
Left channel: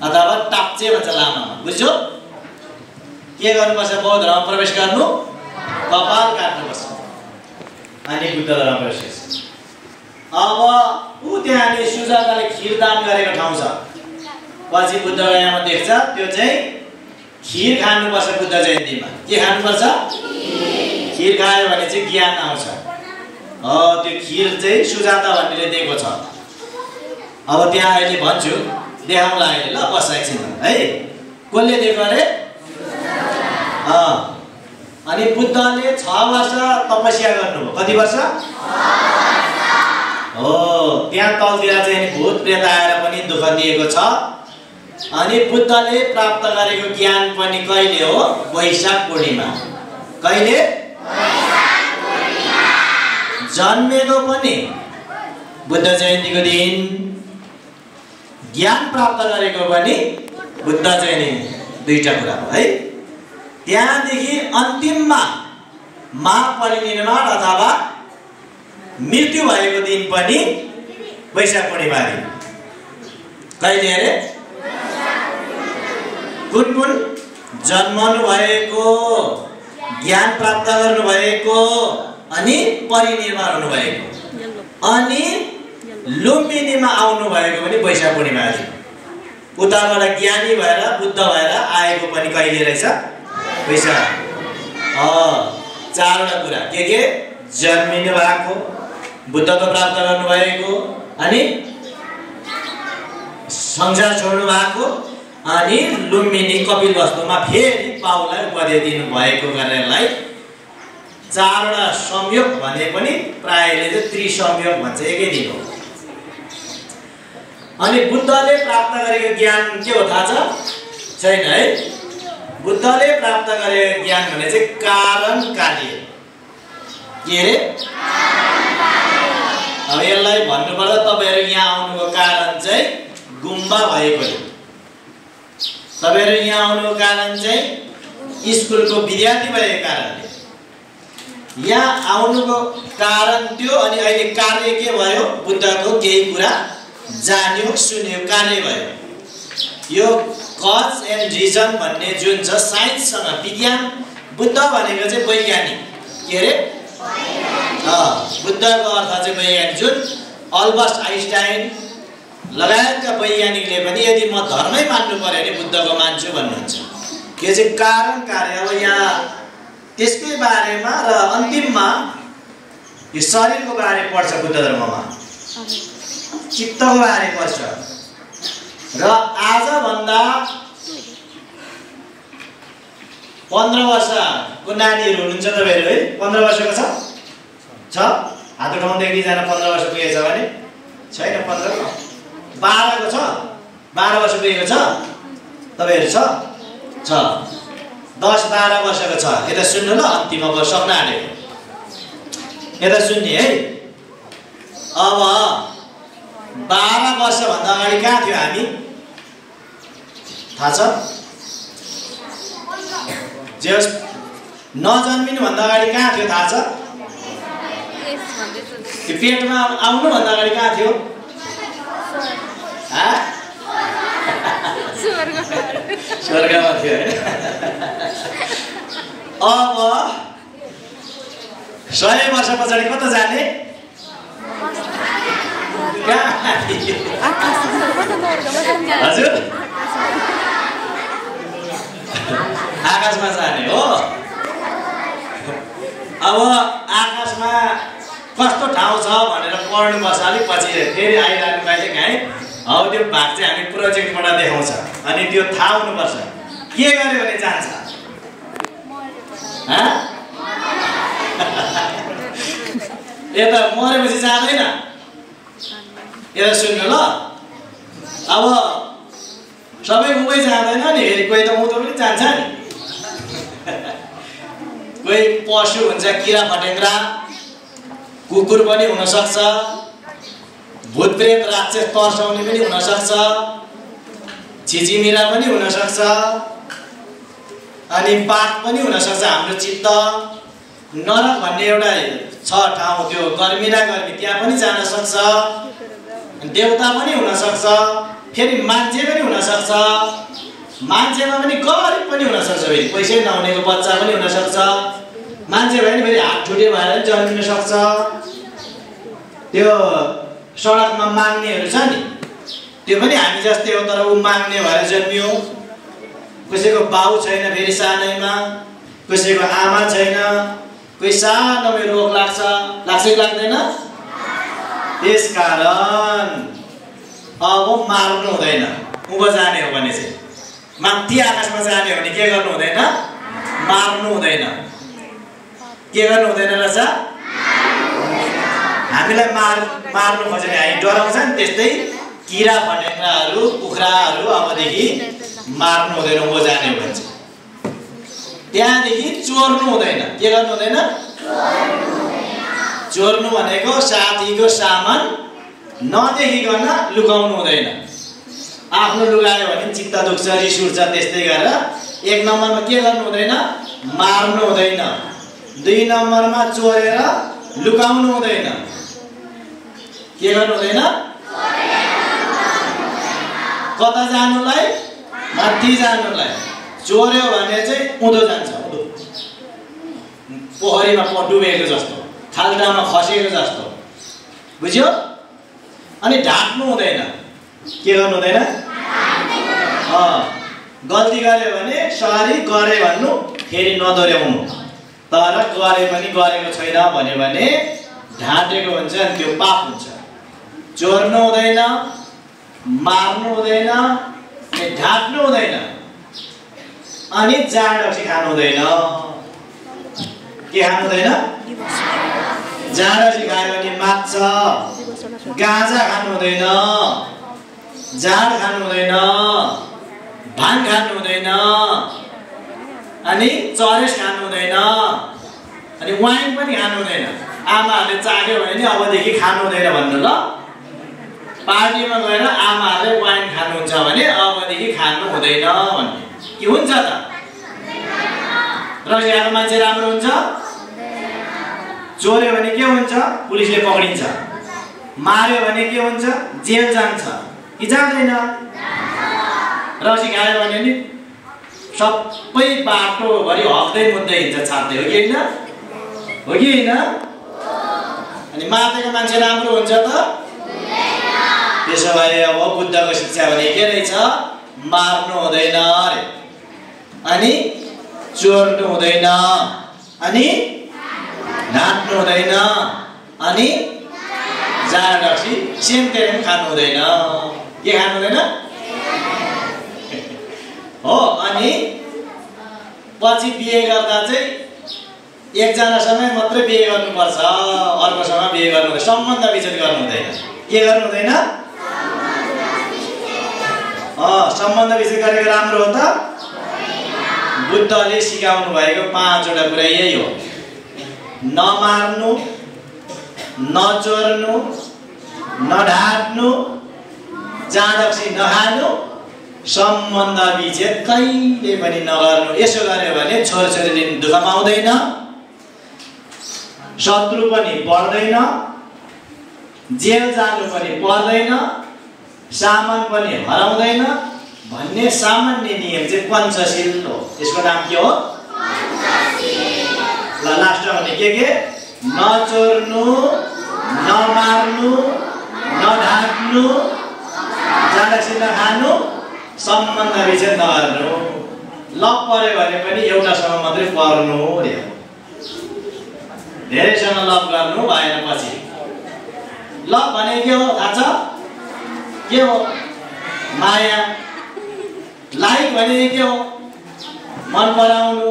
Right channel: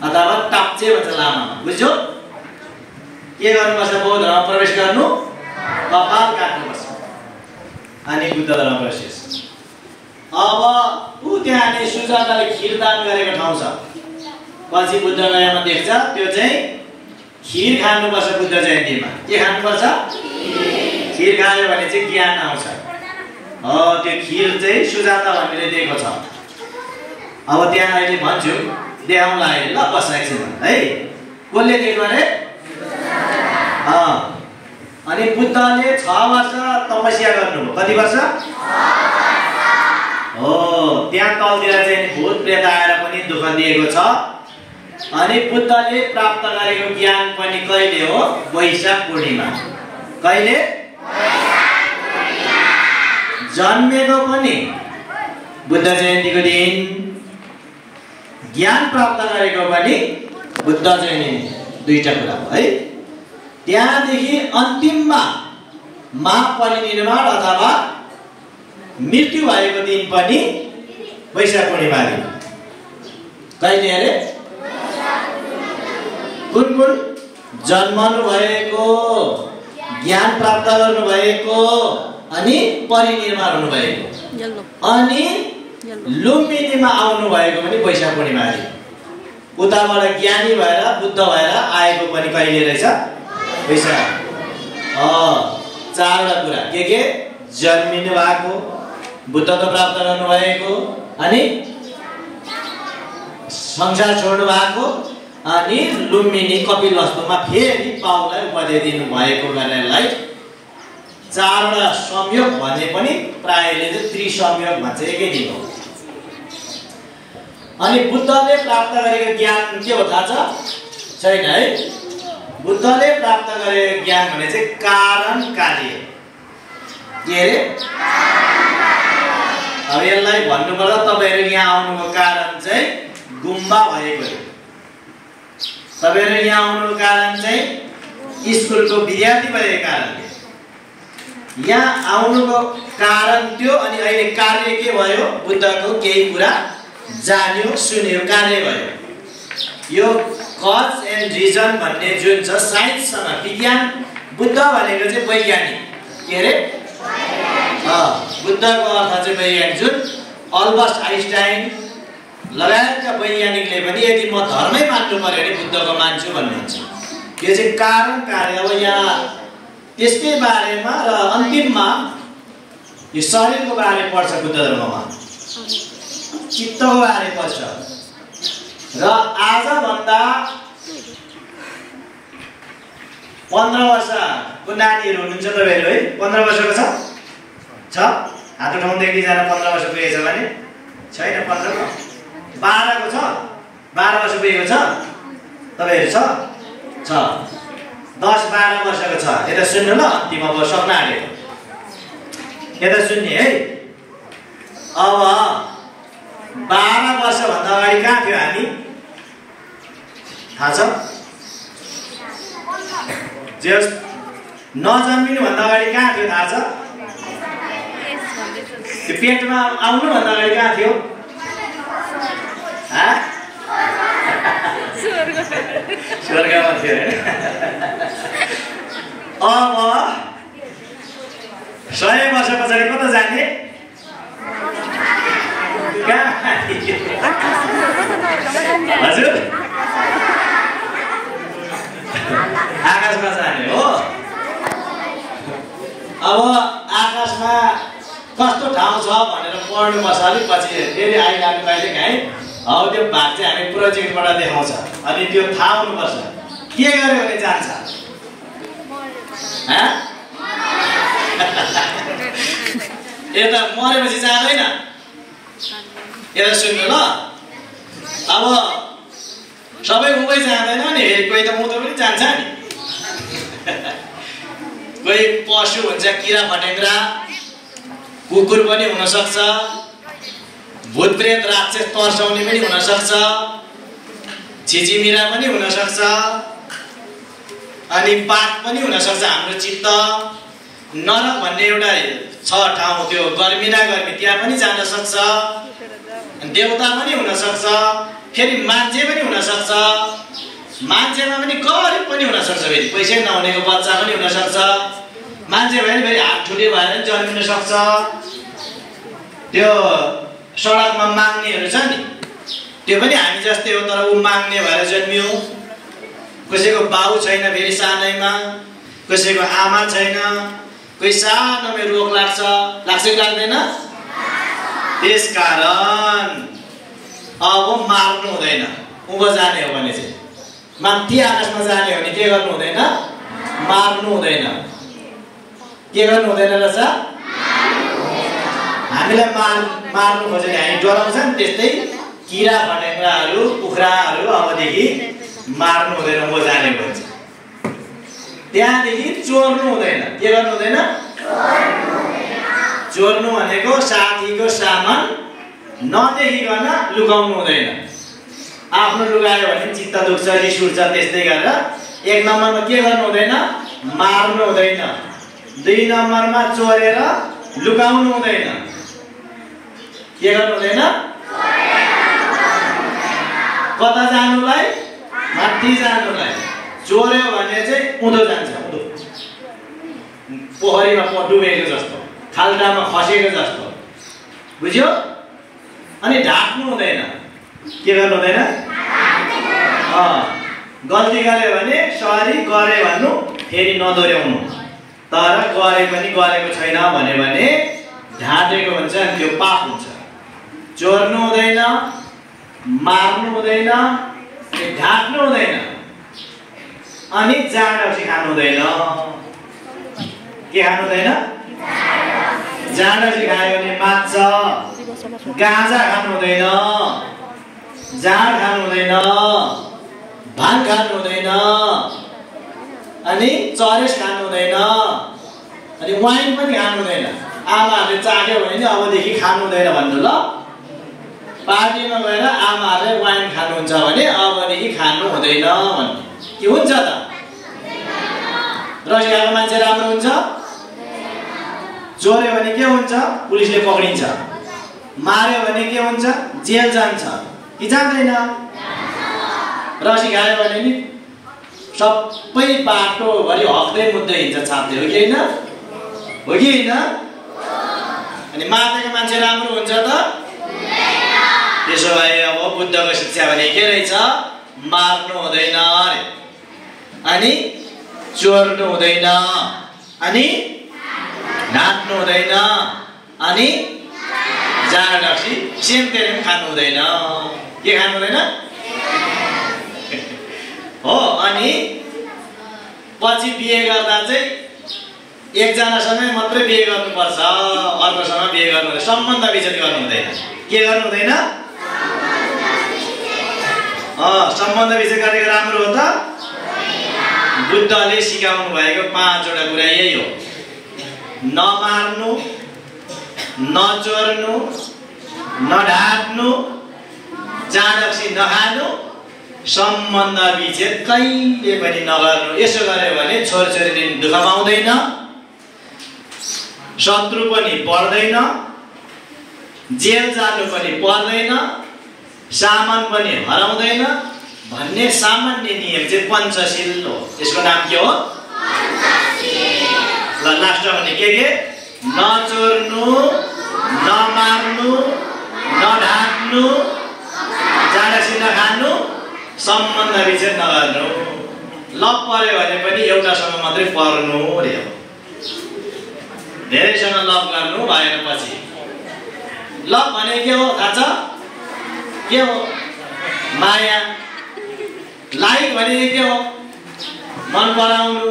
अथवा टाप्चे भन्छ लामामा। बुझ्यो? के गर्नुपर्छ? बौद्ध धर्ममा प्रवेश गर्नु, कपाल काट्नुपर्छ, अनि बुद्ध धर्ममा प्रवेश गर्छ। अब त्यहाँले सुजाताले खिर दान गरेको ठाउँ छ। पछि बुद्ध गयामा देख्छ, त्यो चाहिँ खिर खानुपर्छ बुद्ध जयन्तीमा। के खानुपर्छ? खिर खायो भने चाहिँ ज्ञान आउँछ। त्यो खिर चाहिँ सुजाता भन्नेले दिएको छ। अब त्यहाँ अहिले भन्छु, देखाउँला अहिले, ल बस एकछिन है। कसले दिएको अरे? अनि बुद्धले 6 वर्ष तपस्या गर्नुभयो। कति वर्ष? 6 वर्ष। हो, त्यहाँ तलतिर चाहिँ भूत प्रेत आएर पनि दुःख दिएको छ। अनि बुद्धले प्राप्त गरेको ज्ञान पनि कहिले हो? वैशाख पूर्णिमा। कहिले? जन्मेको पनि बुद्ध जयन्तीको दिन, ज्ञान प्राप्त गरेको पनि बुद्ध जयन्ती, दुईटा कुरा हो है। त्यहाँदेखि अन्तिममा महापरिनिर्वाण अथवा मृत्यु भएको दिन पनि वैशाख पूर्णिमा दिन। कहिले अरे? कुन कुन? जन्मनु भएको, ज्ञान प्राप्त गर्नु भएको, अनि परिनिर्वाण हुनु भएको, अनि लुम्बिनीमा आउनु भएको पनि वैशाख पूर्णिमा दिन। उताबाट ज्ञानी भएर बुद्ध भएर आएको पनि कहिले रहेछ? वैशाख। 4वटा कुरा के? जन्मिनु भएको, बुद्धत्व प्राप्त गर्नु भएको, अनि संसार छोड्नु भएको, अनि लुम्बिनी कपिलवस्तुमा फेरि पाउलाई उपदेश दिनु भएको गरेरलाई 4वटा संयोग भने पनि प्रायले चाहिँ त्रिसंयोग भन्छ, एकै दिन हो। अनि बुद्धले प्राप्त गरेको ज्ञान के हो थाहा छ? छैन है। बुद्धले प्राप्त गरेको ज्ञान भने चाहिँ कारण कार्य। के अरे? अब यसलाई भन्नुपर्दा तपाईहरु यहाँ आउनुको कारण चाहिँ गुम्बा भएकोले, तपाईहरु यहाँ आउनुको कारण चाहिँ स्कुलको विद्यार्थी भएको कारणले, यहाँ आउनुको कारण त्यो। अनि अहिले कार्य के भयो? बुद्धको केही कुरा जान्यो, सुन्यो, कार्य भयो। यो कज एन्ड रिजन भन्ने जुन छ साइन्ससँग, विज्ञान, बुद्ध भनेको चाहिँ वैज्ञानिक। के अरे? बुद्धको अर्थ चाहिँ वैज्ञानिक, जुन अल्बर्ट आइन्स्टाइन लगायतका वैज्ञानिकले पनि यदि म धर्मै मान्नु पर्यो भने बुद्धको मान्छु भन्नुहुन्छ। यो चाहिँ कारण कार्य। अब यहाँ त्यसकै बारेमा र अन्तिममा यो शरीरको बारे पर्छ बुद्ध धर्ममा, चित्तको बारे पर्छ। र आजभन्दा 15 वर्षको नानीहरू हुनुहुन्छ तपाईहरु है? 15 वर्षको छ? हात उठाउँदै एकजना 15 वर्ष पुगेको छ भने? छैन। 15 को 12 को छ? 12 वर्ष पुगेको छ तपाईहरु? छ। 10-12 वर्षको छ। यता सुन्नु ल, अन्तिम अब सक्न आँट्यो, यता सुन्ने है। अब 12 वर्षभन्दा अगाडि कहाँ थियो हामी? थाहा छ? जस नजन्मिनु भन्दा अगाडि कहाँ थियो थाहा छ? त्यो पेटमा आउनु भन्दा अगाडि कहाँ थियो? स्वर्गमा थियो हैन? अब 100 वर्ष पछाडि कता जाने? हजुर, आकाशमा जाने हो। अब आकाशमा कस्तो ठाउँ छ भनेर पढ्नुपर्छ, अलिक पछि फेरि आइरहनु पाइले है। हौ त्यो भाग चाहिँ हामी प्रोजेक्टबाट देखाउँछ, अनि त्यो थाहा हुनुपर्छ। के गर्यो भने जान्छ? यता मरेपछि जाँदैन। यता सुन्नु ल, अब सबै उबै जाँदैन नि, कोही त उँधो पनि जान्छ नि। कोही पशु हुन्छ, किरा फटेङ्ग्रा, कुकुर पनि हुन सक्छ, भूत प्रेत राक्षस तर्साउने पनि हुन सक्छ, छिचिमिरा पनि हुन सक्छ, अनि पाप पनि हुन सक्छ। हाम्रो चित्त नरक भन्ने एउटा छ ठाउँ, त्यो गर्मी न गर्मी, त्यहाँ पनि जान सक्छ। देवता पनि हुन सक्छ, फेरि मान्छे पनि हुन सक्छ। मान्छेमा पनि गरिब पनि हुन सक्छ, फेरि पैसै नहुनेको बच्चा पनि हुन सक्छ। मान्छे भयो भने फेरि हात ठुटे भएर पनि जन्मिन सक्छ। त्यो सडकमा माग्नेहरू छ नि, त्यो पनि हामी जस्तै हो, तर ऊ माग्ने भएर जन्मियो। कसैको बाउ छैन फेरि सानैमा, कसैको आमा छैन, कोही सानोमै रोग लाग्छ कि लाग्दैन? त्यसकारण अब मार्नु हुँदैन। उँभो जाने हो भने चाहिँ माथि आकाशमा जाने हो भने के गर्नु हुँदैन? मार्नु हुँदैन। के गर्नु हुँदैन रहेछ? हामीलाई मार्नु खोज्यो भने हामी डराउँछ नि, त्यस्तै किरा फटेङ्ग्राहरू कुखुराहरू अबदेखि मार्नु हुँदैन उँभो जाने हो भने चाहिँ। त्यहाँदेखि चोर्नु हुँदैन। के गर्नु हुँदैन? चोर्नु भनेको साथीको सामान नदेखिकन लुकाउनु हुँदैन। आफ्नो लुगायो भने चित्त दुख्छ, रिस उठ्छ, त्यस्तै गरेर 1 नम्बरमा के गर्नु हुँदैन? मार्नु हुँदैन। 2 नम्बरमा चोरेर लुकाउनु हुँदैन। के गर्नु हुँदैन? कता जानुलाई? माथि जानुलाई। चोर्यो भने चाहिँ उँधो जान्छ, उँधो पोखरीमा डुबेको जस्तो, खाल्टामा खसेको जस्तो, बुझ्यो? अनि ढाक्नु हुँदैन। के गर्नु हुँदैन? गल्ती गर्यो भने सरी गरे भन्नु, फेरि नदोर्याउनु। तर गरे पनि गरेको छैन भन्यो भने ढाँटेको हुन्छ अनि त्यो पाप हुन्छ। चोर्नु हुँदैन, मार्नु हुँदैन, ढाक्नु हुँदैन, अनि जाँड रक्सी खानु हुँदैन। के खानु हुँदैन? जाँड रक्सी खायो भने मात्छ। गाँजा खानु हुँदैन, जाँड खानु हुँदैन, भाङ खानु हुँदैन, अनि चरेस खानु हुँदैन, अनि वाइन पनि खानु हुँदैन। आमाहरूले चाख्यो भने अबदेखि खानु हुँदैन भन्नु ल। पार्टीमा गएर आमाहरूले वाइन खानुहुन्छ भने अबदेखि खानु हुँदैन भन्नु के हुन्छ त? रसियाको मान्छे राम्रो हुन्छ? चोर्यो भने के हुन्छ? पुलिसले पक्रिन्छ। मार्यो भने के हुन्छ? जेल जान्छ कि जाँदैन? रसी खायो भने नि सबै बाटोभरि हक्दै मुद्दै हिँड्छ, छाप्दै, हो कि होइन? हो कि होइन? अनि मातेको मान्छे राम्रो हुन्छ त? त्यसो भए अब बुद्धको शिक्षा भने के रहेछ? मार्नु हुँदैन अरे, अनि चोर्नु हुँदैन, अनि ढाँट्नु हुँदैन, अनि जाँड रक्सी सेमटेम खानु हुँदैन। के खानु हुँदैन? हो। अनि पछि बिहे गर्दा चाहिँ एकजनासँगै मात्रै बिहे गर्नुपर्छ, अर्कोसँग बिहे गर्नु, सम्बन्ध विच्छेद गर्नु हुँदैन। के गर्नु हुँदैन? सम्बन्ध विच्छेद गरेको राम्रो हो त? बुद्धले सिकाउनु भएको 5वटा कुरा यही हो। नमार्नु, नचोर्नु, नढाट्नु, जाँड रक्सी नखानु, सम्बन्ध विच्छेद कहिले पनि नगर्नु। यसो गर्यो भने छोरछोरीदेखि दुःख पाउँदैन, शत्रु पनि पर्दैन, जेल जानु पनि पर्दैन, सामान पनि हराउँदैन भन्ने सामान्य नियम चाहिँ पञ्चशील हो। यसको नाम के हो? ल लास्ट भने के? नचोर्नु, नमार्नु, नढाक्नु, जाँड रक्सी नखानु, सम्बन्ध विच्छेद नगर्नु। लभ पर्यो भने पनि एउटासँग मात्रै पर्नु रे। धेरैसँग लभ गर्नु भएन पछि। लभ भने के हो थाहा छ? के हो? माया। लाइक भने के हो? मन पराउनु।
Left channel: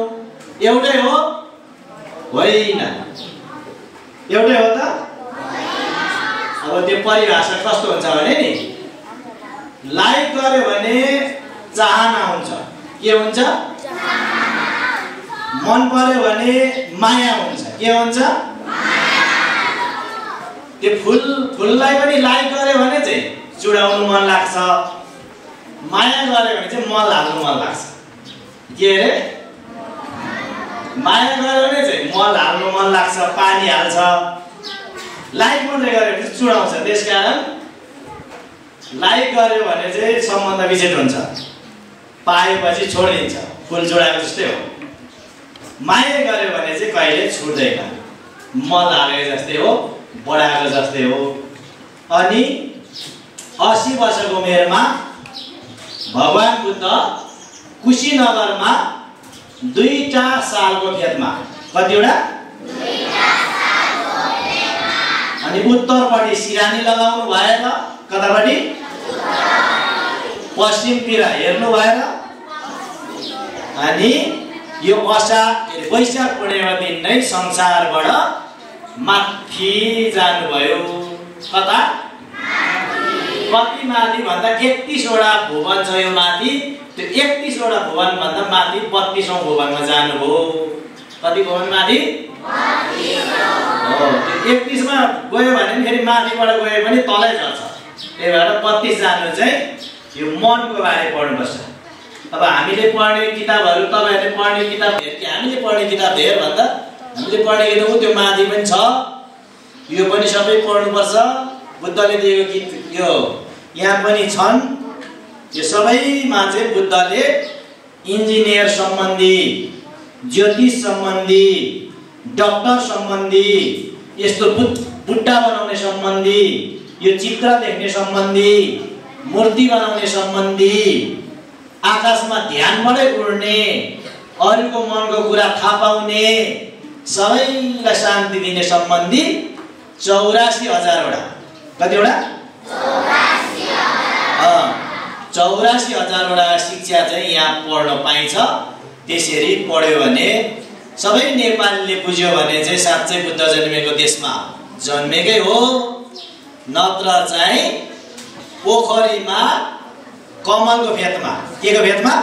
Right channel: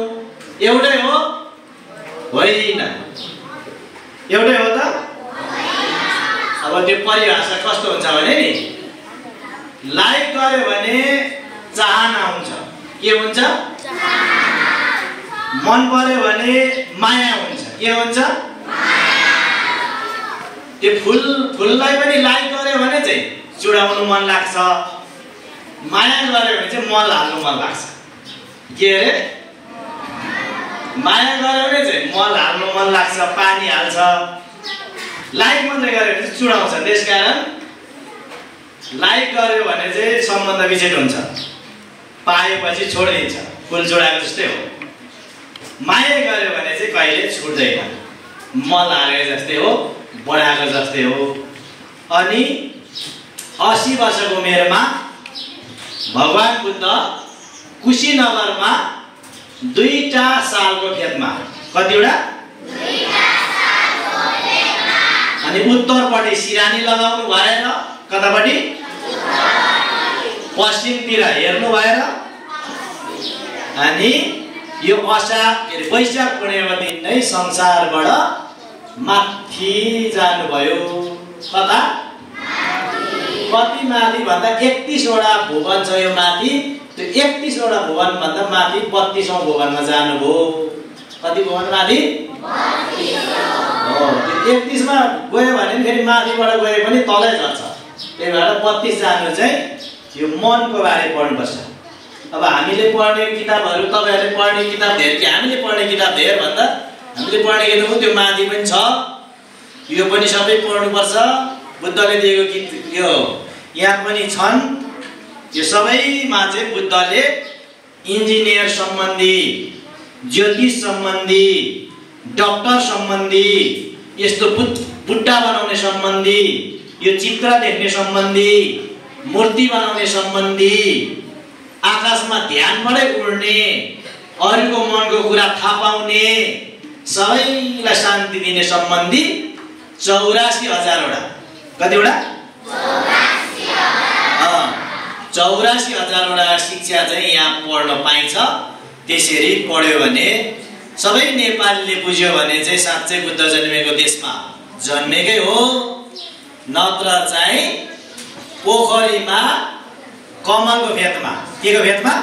एउटै हो? होइन। एउटै हो त? अब त्यो परिभाषा कस्तो हुन्छ भने नि, लाइक गर्यो भने चाहना हुन्छ। के हुन्छ? मन पर्यो भने माया हुन्छ। के हुन्छ? त्यो फुललाई पनि लाइक गर्यो भने चाहिँ चुडाउनु मन लाग्छ, माया गर्यो भने चाहिँ मल हाल्नु मन लाग्छ। के अरे? माया गर्यो भने चाहिँ मल हाल्नु मन लाग्छ, पानी हाल्छ। लाइक मात्रै गर्यो भने चाहिँ चुडाउँछ। त्यसकारण लाइक गर्यो भने चाहिँ सम्बन्ध विच्छेद हुन्छ, पाएपछि छोडिदिन्छ, फुल जोडाएको जस्तै हो। माया गर्यो भने चाहिँ कहिले छुट्दैन, मल हालेको जस्तै हो, बढाएको जस्तै हो। अनि 80 वर्षको उमेरमा भगवान बुद्ध कुशीनगरमा 2टा सालको खेतमा, कतिवटा? अनि उत्तरपट्टि सिरानी लगाउनु भएन, कतापट्टि पश्चिमतिर हेर्नु भएर अनि यो वैशाख पूर्णिमा दिन नै संसारबाट माथि जानुभयो। कता कति माथि भन्दा 31 वटा भुवन छ यो माथि। त्यो 31 वटा भुवन भन्दा माथि 32औं भुवनमा जानुभयो। कति भुवन माथि? 31 मा गयो भने फेरि माथिबाट गयो भने तलै झर्छ। त्यही भएर 32 जानु चाहिँ यो मनको बारे पढ्नुपर्छ। अब हामीले पढ्ने किताबहरू तपाईहरुले पढ्ने किताब धेर कि हामीले पढ्ने किताब धेर भन्दा हामीले पढ्ने किताब त्यो माथि पनि छ, यो पनि सबै पढ्नुपर्छ। बुद्धले दिएको गीत यो यहाँ पनि छन्। यो सबैमा चाहिँ बुद्धले इन्जिनियर सम्बन्धी, ज्योतिष सम्बन्धी, डाक्टर सम्बन्धी, यस्तो बुट्टा बनाउने सम्बन्धी, यो चित्र देख्ने सम्बन्धी, मूर्ति बनाउने सम्बन्धी, आकाशमा ध्यानबाटै उड्ने, अरूको मनको कुरा थाहा पाउने, सबैलाई शान्ति दिने सम्बन्धी 84,000 वटा। कतिवटा? 84,000 वटा शिक्षा चाहिँ यहाँ पढ्न पाइन्छ। त्यसरी पढ्यो भने सबै नेपालीले बुझ्यो भने चाहिँ साँच्चै बुद्ध जन्मेको देशमा जन्मेकै हो, नत्र चाहिँ पोखरीमा कमलको फेदमा, के को फेदमा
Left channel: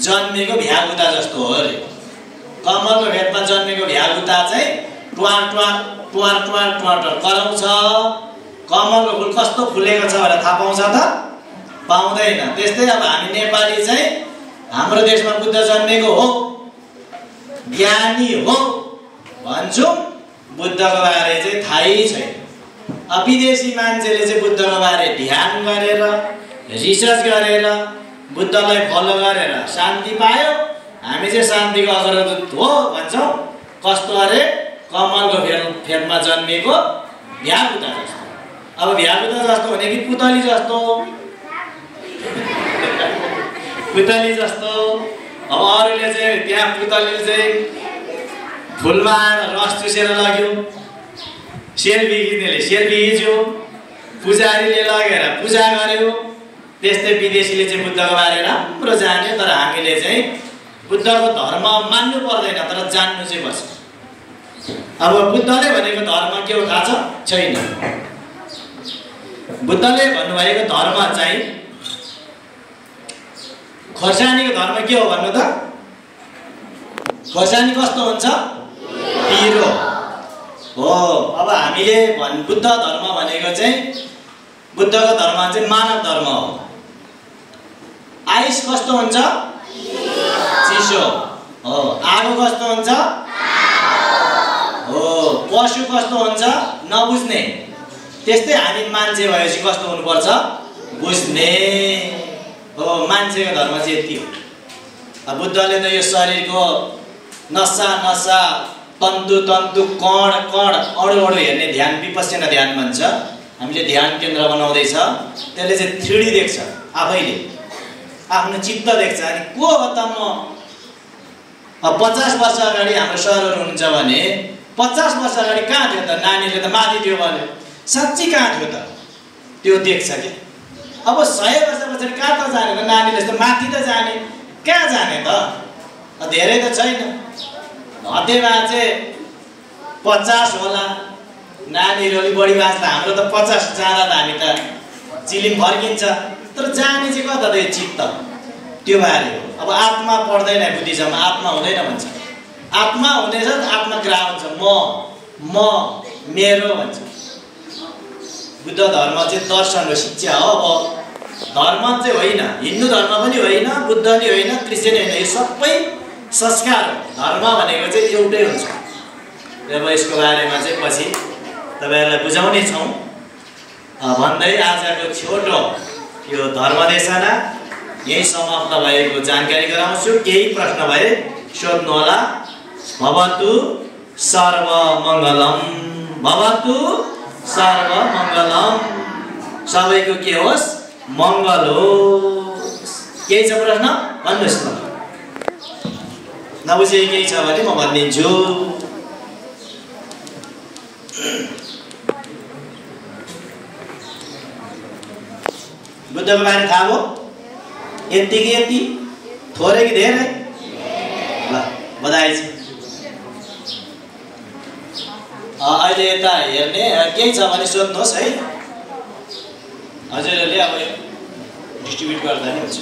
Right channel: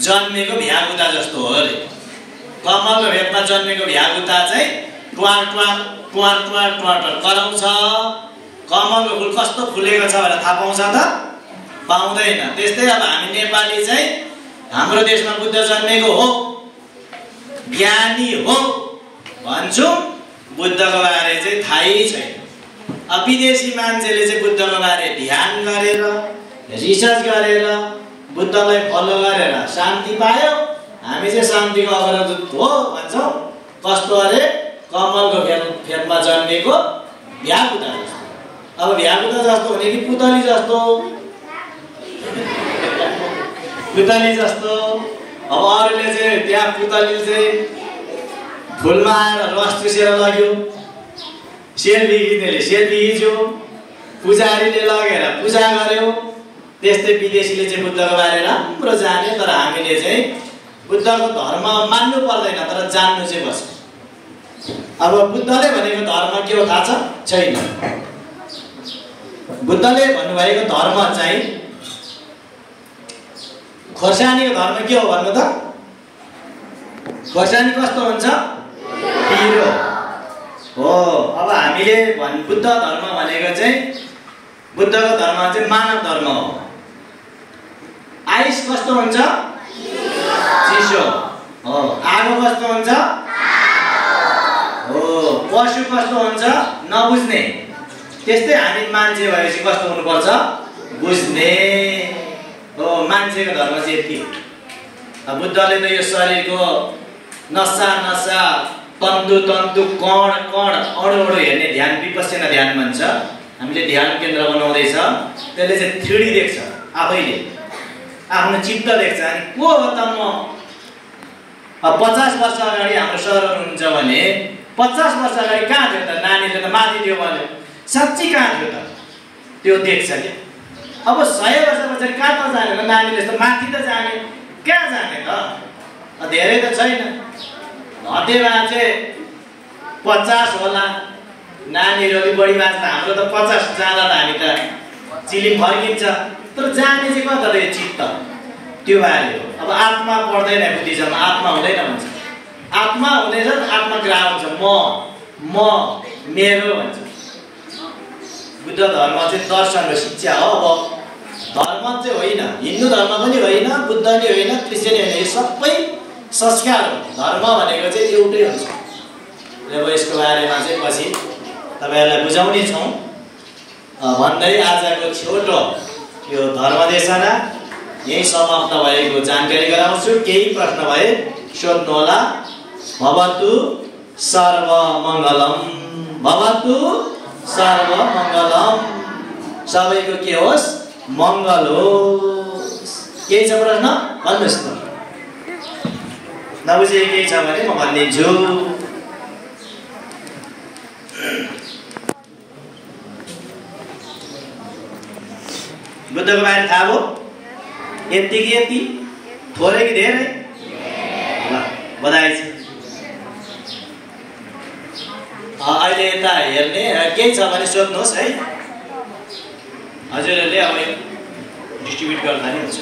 जन्मेको भ्यागुता जस्तो हो अरे। कमलको फेदमा जन्मेको भ्यागुता चाहिँ ट्वार ट्वार ट्वार ट्वार ट्वार कराउँछ। कमलको फुल कस्तो फुलेको छ भनेर थाहा पाउँछ त? पाउँदैन। त्यस्तै अब हामी नेपाली चाहिँ हाम्रो देशमा बुद्ध जन्मेको हो, ज्ञानी हो भन्छौँ, बुद्धको बारे चाहिँ थाहै छैन। अब विदेशी मान्छेले चाहिँ बुद्धको बारे ध्यान गरेर, रिसर्च गरेर, बुद्धलाई फलो गरेर शान्ति पायो। हामी चाहिँ शान्तिको अग्रदूत हो भन्छौँ। कस्तो अरे? कमलको फेदमा जन्मेको भ्यागुता जस्तो। अब भ्यागुता जस्तो भने कि पुतली जस्तो? पुतली जस्तो। अब अरूले चाहिँ त्यहाँ पुतलीले चाहिँ फुलमा रस चुसेर लग्यो, सेल्फी खिच्नेले सेल्फी खिच्यो, पुजारीले लगेर पूजा गर्यो। त्यस्तै विदेशीले चाहिँ बुद्धको बारे राम्रो जाने, तर हामीले चाहिँ बुद्धको धर्म मान्नु पर्दैन, तर जान्नु चाहिँ पर्छ। अब बुद्धले भनेको धर्म के हो थाहा छ? छैन। बुद्धले भन्नुभएको धर्म चाहिँ खोर्सानीको धर्म के हो भन्नु त? खोर्सानी कस्तो हुन्छ? पिरो हो। अब हामीले बुद्ध धर्म भनेको चाहिँ बुद्धको धर्म चाहिँ मानव धर्म हो। आइस कस्तो हुन्छ? चिसो हो। आगो कस्तो हुन्छ? हो। पशु कस्तो हुन्छ? नबुझ्ने। त्यस्तै हामी मान्छे भएपछि कस्तो हुनुपर्छ? बुझ्ने हो। मान्छेको धर्म चाहिँ यति हो। बुद्धले त यो शरीरको नसा नसा, तन्तु तन्तु, कण कण, अणु अणु हेर्ने ध्यान विपश्यना ध्यान भन्छ। हामीले ध्यान केन्द्र बनाउँदैछ, त्यसले चाहिँ 3D देख्छ, आफैले आफ्नो चित्त देख्छ। अनि को हो त म 50 वर्ष अगाडि हाम्रो सरहरू हुन्छ भने 50 वर्ष अगाडि कहाँ थियो त? नानीले त माथि थियो भन्यो, साँच्चै कहाँ थियो त? त्यो देख्छ क्या। अब 100 वर्ष पछाडि कहाँ त जाने त? नानीले त माथि त जाने, कहाँ जाने त? धेरै त छैन। हतेमा चाहिँ 50 होला। नानीहरू अलिक बढी बाँच्दा, हाम्रो त 50 जाँदा त हामी त चिलिम फर्किन्छ। तर जाने चाहिँ कता त? चित्त, त्यो बारे हो। अब आत्मा पढ्दैन बुद्धिज्ममा, आत्मा हुँदैन भन्छ। आत्मा हुनेछ, आत्मग्राह हुन्छ। म मेरो भन्छ। बुद्ध धर्म चाहिँ दर्शन हो, शिक्षा हो। अब धर्म चाहिँ होइन, हिन्दू धर्म पनि होइन, बुद्ध नि होइन, क्रिस्चियन होइन, यो सबै संस्कार हो। धर्म भनेको चाहिँ एउटै हुन्छ। अब यसको बारेमा चाहिँ पछि तपाईहरुलाई बुझाउने छौँ भन्दै आजको छोटो यो धर्मदेशना यही समाप्त भएको जानकारी गराउँछु। केही प्रश्न भए सोध्नु होला। भवतु सर्वमङ्गलम, भवतु सर्वमङ्गलम। सबैको के होस्? मङ्गल होस्। केही छ प्रश्न? भन्नुहोस् न। नबुझेको केही छ भने म भनिदिन्छु। बुद्धको बारे थाहा भयो? यति कि यति? थोरै कि धेरै? ल बधाई छ। अहिले यता हेर्ने केही छ भने सोध्नुहोस् है। हजुरहरूले अब डिस्ट्रिब्युट गर्दा नि हुन्छ।